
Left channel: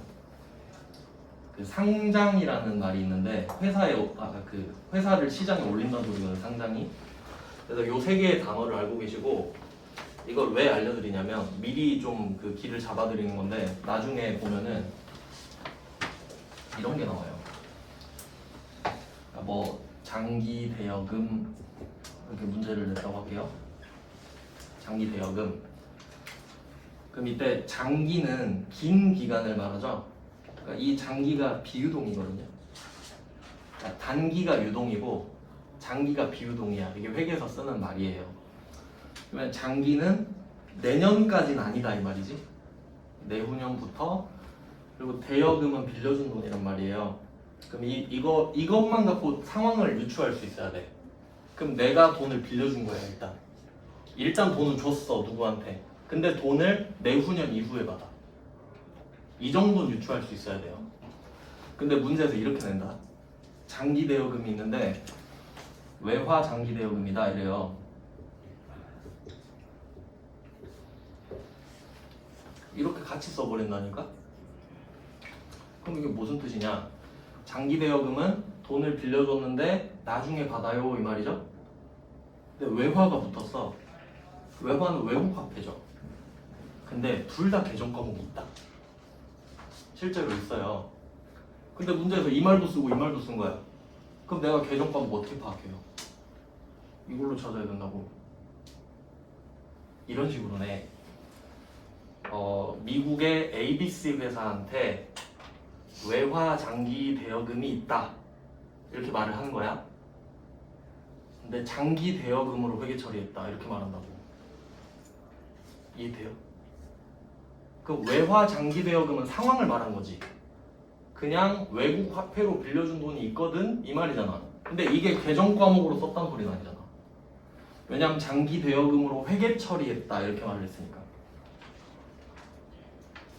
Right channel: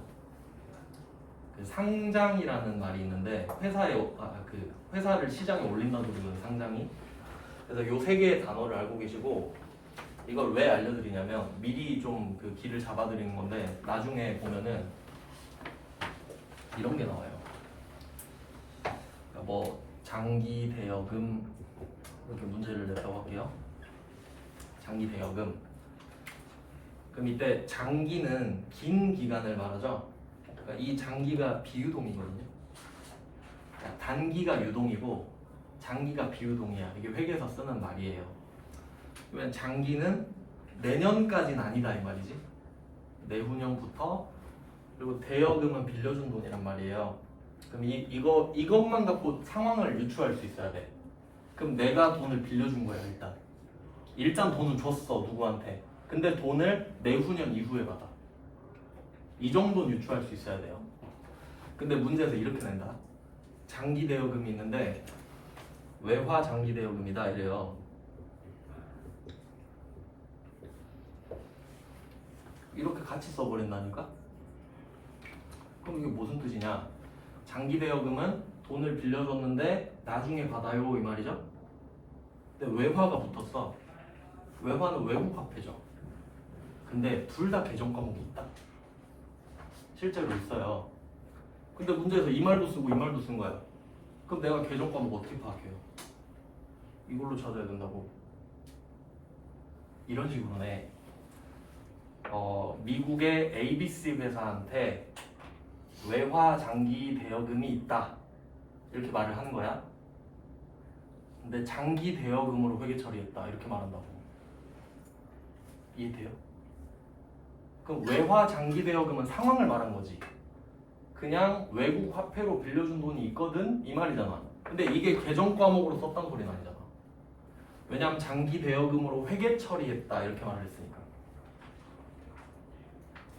그 상장이라는 말이 있는데 회사를 시장에 올린다는 소리거든요. 상장이. 그래서 요 세 개의 단어를 알고 계시고, 이걸 왜 알려드리냐면 미리 좀 그 길을 잡아드리는 건데 나중에 보면은 이런 게 나와요. 뭐 장기 대여금 이렇게 문제를 냈다고 할게요. 장기 대여금. 그럼 이때 장기는 긴 기간을 말하죠. 그러니까 이 장기가 비유동이거든요. 그러니까 단기가 유동이고 장기가 비유동이야. 이게 회계에서 쓰는 말이에요. 그러면 장기는 내년까지는 아니다 이 말이지. 내후년부터. 그리고 대여금은 빌려준 돈이란 말이에요. 그럼 이것만 갖고 상황을 유추할 수 있어야 돼. 그럼 내가 돈을 빌려준 거야 일단. 일단 돈을 줬어 누구한테. 근데 돈을 내후년 이후에 받아. 이 정도는 유추할 수 있어야 돼요. 근데 문제에서 이렇게 낸다. 장기 대여금이 있는데 외화 장기 대여금이다 이래요. 이렇게 같이 써버린다니까? 그럼 이게 무슨 뜻이냐? 장기 대여금은 돈을 빌려줬는데 나중에 받아요 이 말이죠? 근데 외화가 붙었어. 외화는 외국 화폐죠. 근데 둘 다 계정 과목이 있다. 실제로 있어요. 근데 문제에서 이 말도 쓰고 이 말도 쓴 거야. 그럼 내가 계정 과목 어떻게 파악해요? 이걸로 찾아야 된다고. 이런 식으로네. 미국의 ABC 회사한테 외화 장기 대여금이 있다 이렇게 말을 하는 거야. 근데 장기 대여금으로 회계 처리했다 이렇게 말한다고. 이해돼요? 그 외화 장기 대여금은 상황을 말한 거지. 그냥 외국 화폐로 빌려준 돈이 있거든 이 말이잖아. 근데 이게 계정 과목으로 썼다는 소리는 아니잖아. 왜냐면 장기 대여금으로 회계 처리했다 이렇게 말을 했으니까.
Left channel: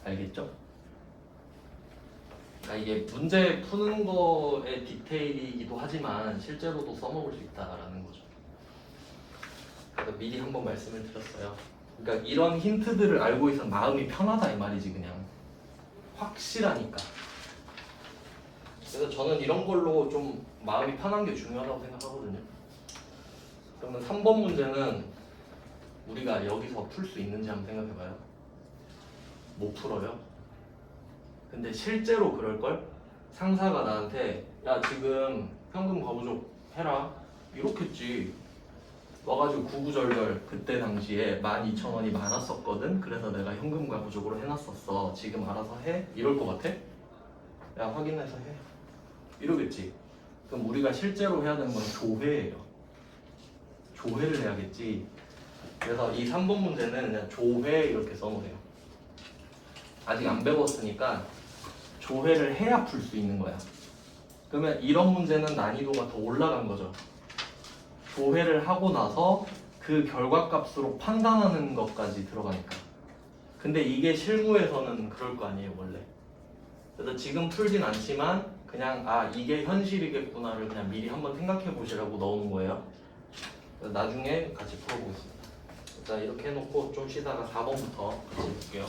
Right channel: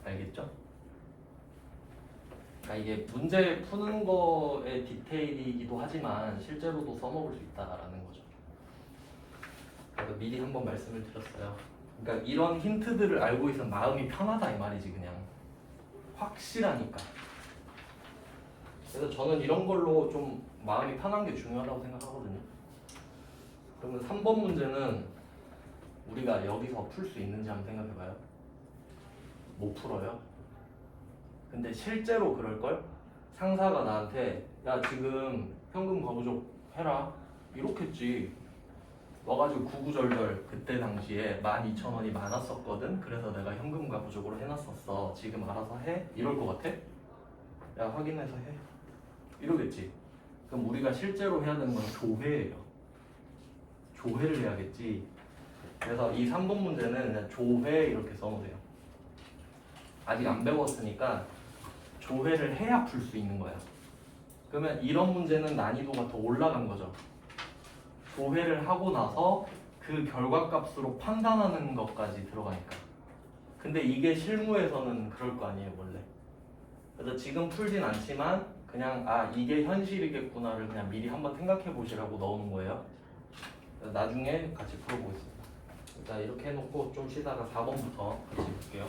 알겠죠? 그러니까 이게 문제 푸는 거의 디테일이기도 하지만 실제로도 써먹을 수 있다라는 거죠. 그래서 미리 한번 말씀을 드렸어요. 그러니까 이런 힌트들을 알고 있으면 마음이 편하다 이 말이지. 그냥 확실하니까. 그래서 저는 이런 걸로 좀 마음이 편한 게 중요하다고 생각하거든요. 그러면 3번 문제는 우리가 여기서 풀 수 있는지 한번 생각해봐요. 못 풀어요. 근데 실제로 그럴걸? 상사가 나한테 야 지금 현금 거부족 해라 이렇겠지. 와가지고 구구절절 그때 당시에 12,000원이 많았었거든. 그래서 내가 현금 거부족으로 해놨었어. 지금 알아서 해? 이럴 것 같아? 야 확인해서 해 이러겠지. 그럼 우리가 실제로 해야 되는 건 조회예요. 조회를 해야겠지. 그래서 이 3번 문제는 그냥 조회 이렇게 써놓으세요. 아직 안 배웠으니까 조회를 해야 풀 수 있는 거야. 그러면 이런 문제는 난이도가 더 올라간 거죠. 조회를 하고 나서 그 결과값으로 판단하는 것까지 들어가니까. 근데 이게 실무에서는 그럴 거 아니에요 원래. 그래서 지금 풀진 않지만 그냥 아 이게 현실이겠구나를 그냥 미리 한번 생각해 보시라고 넣어놓은 거예요. 나중에 같이 풀어보겠습니다. 일단 이렇게 해놓고 좀 쉬다가 4번부터 같이 볼게요.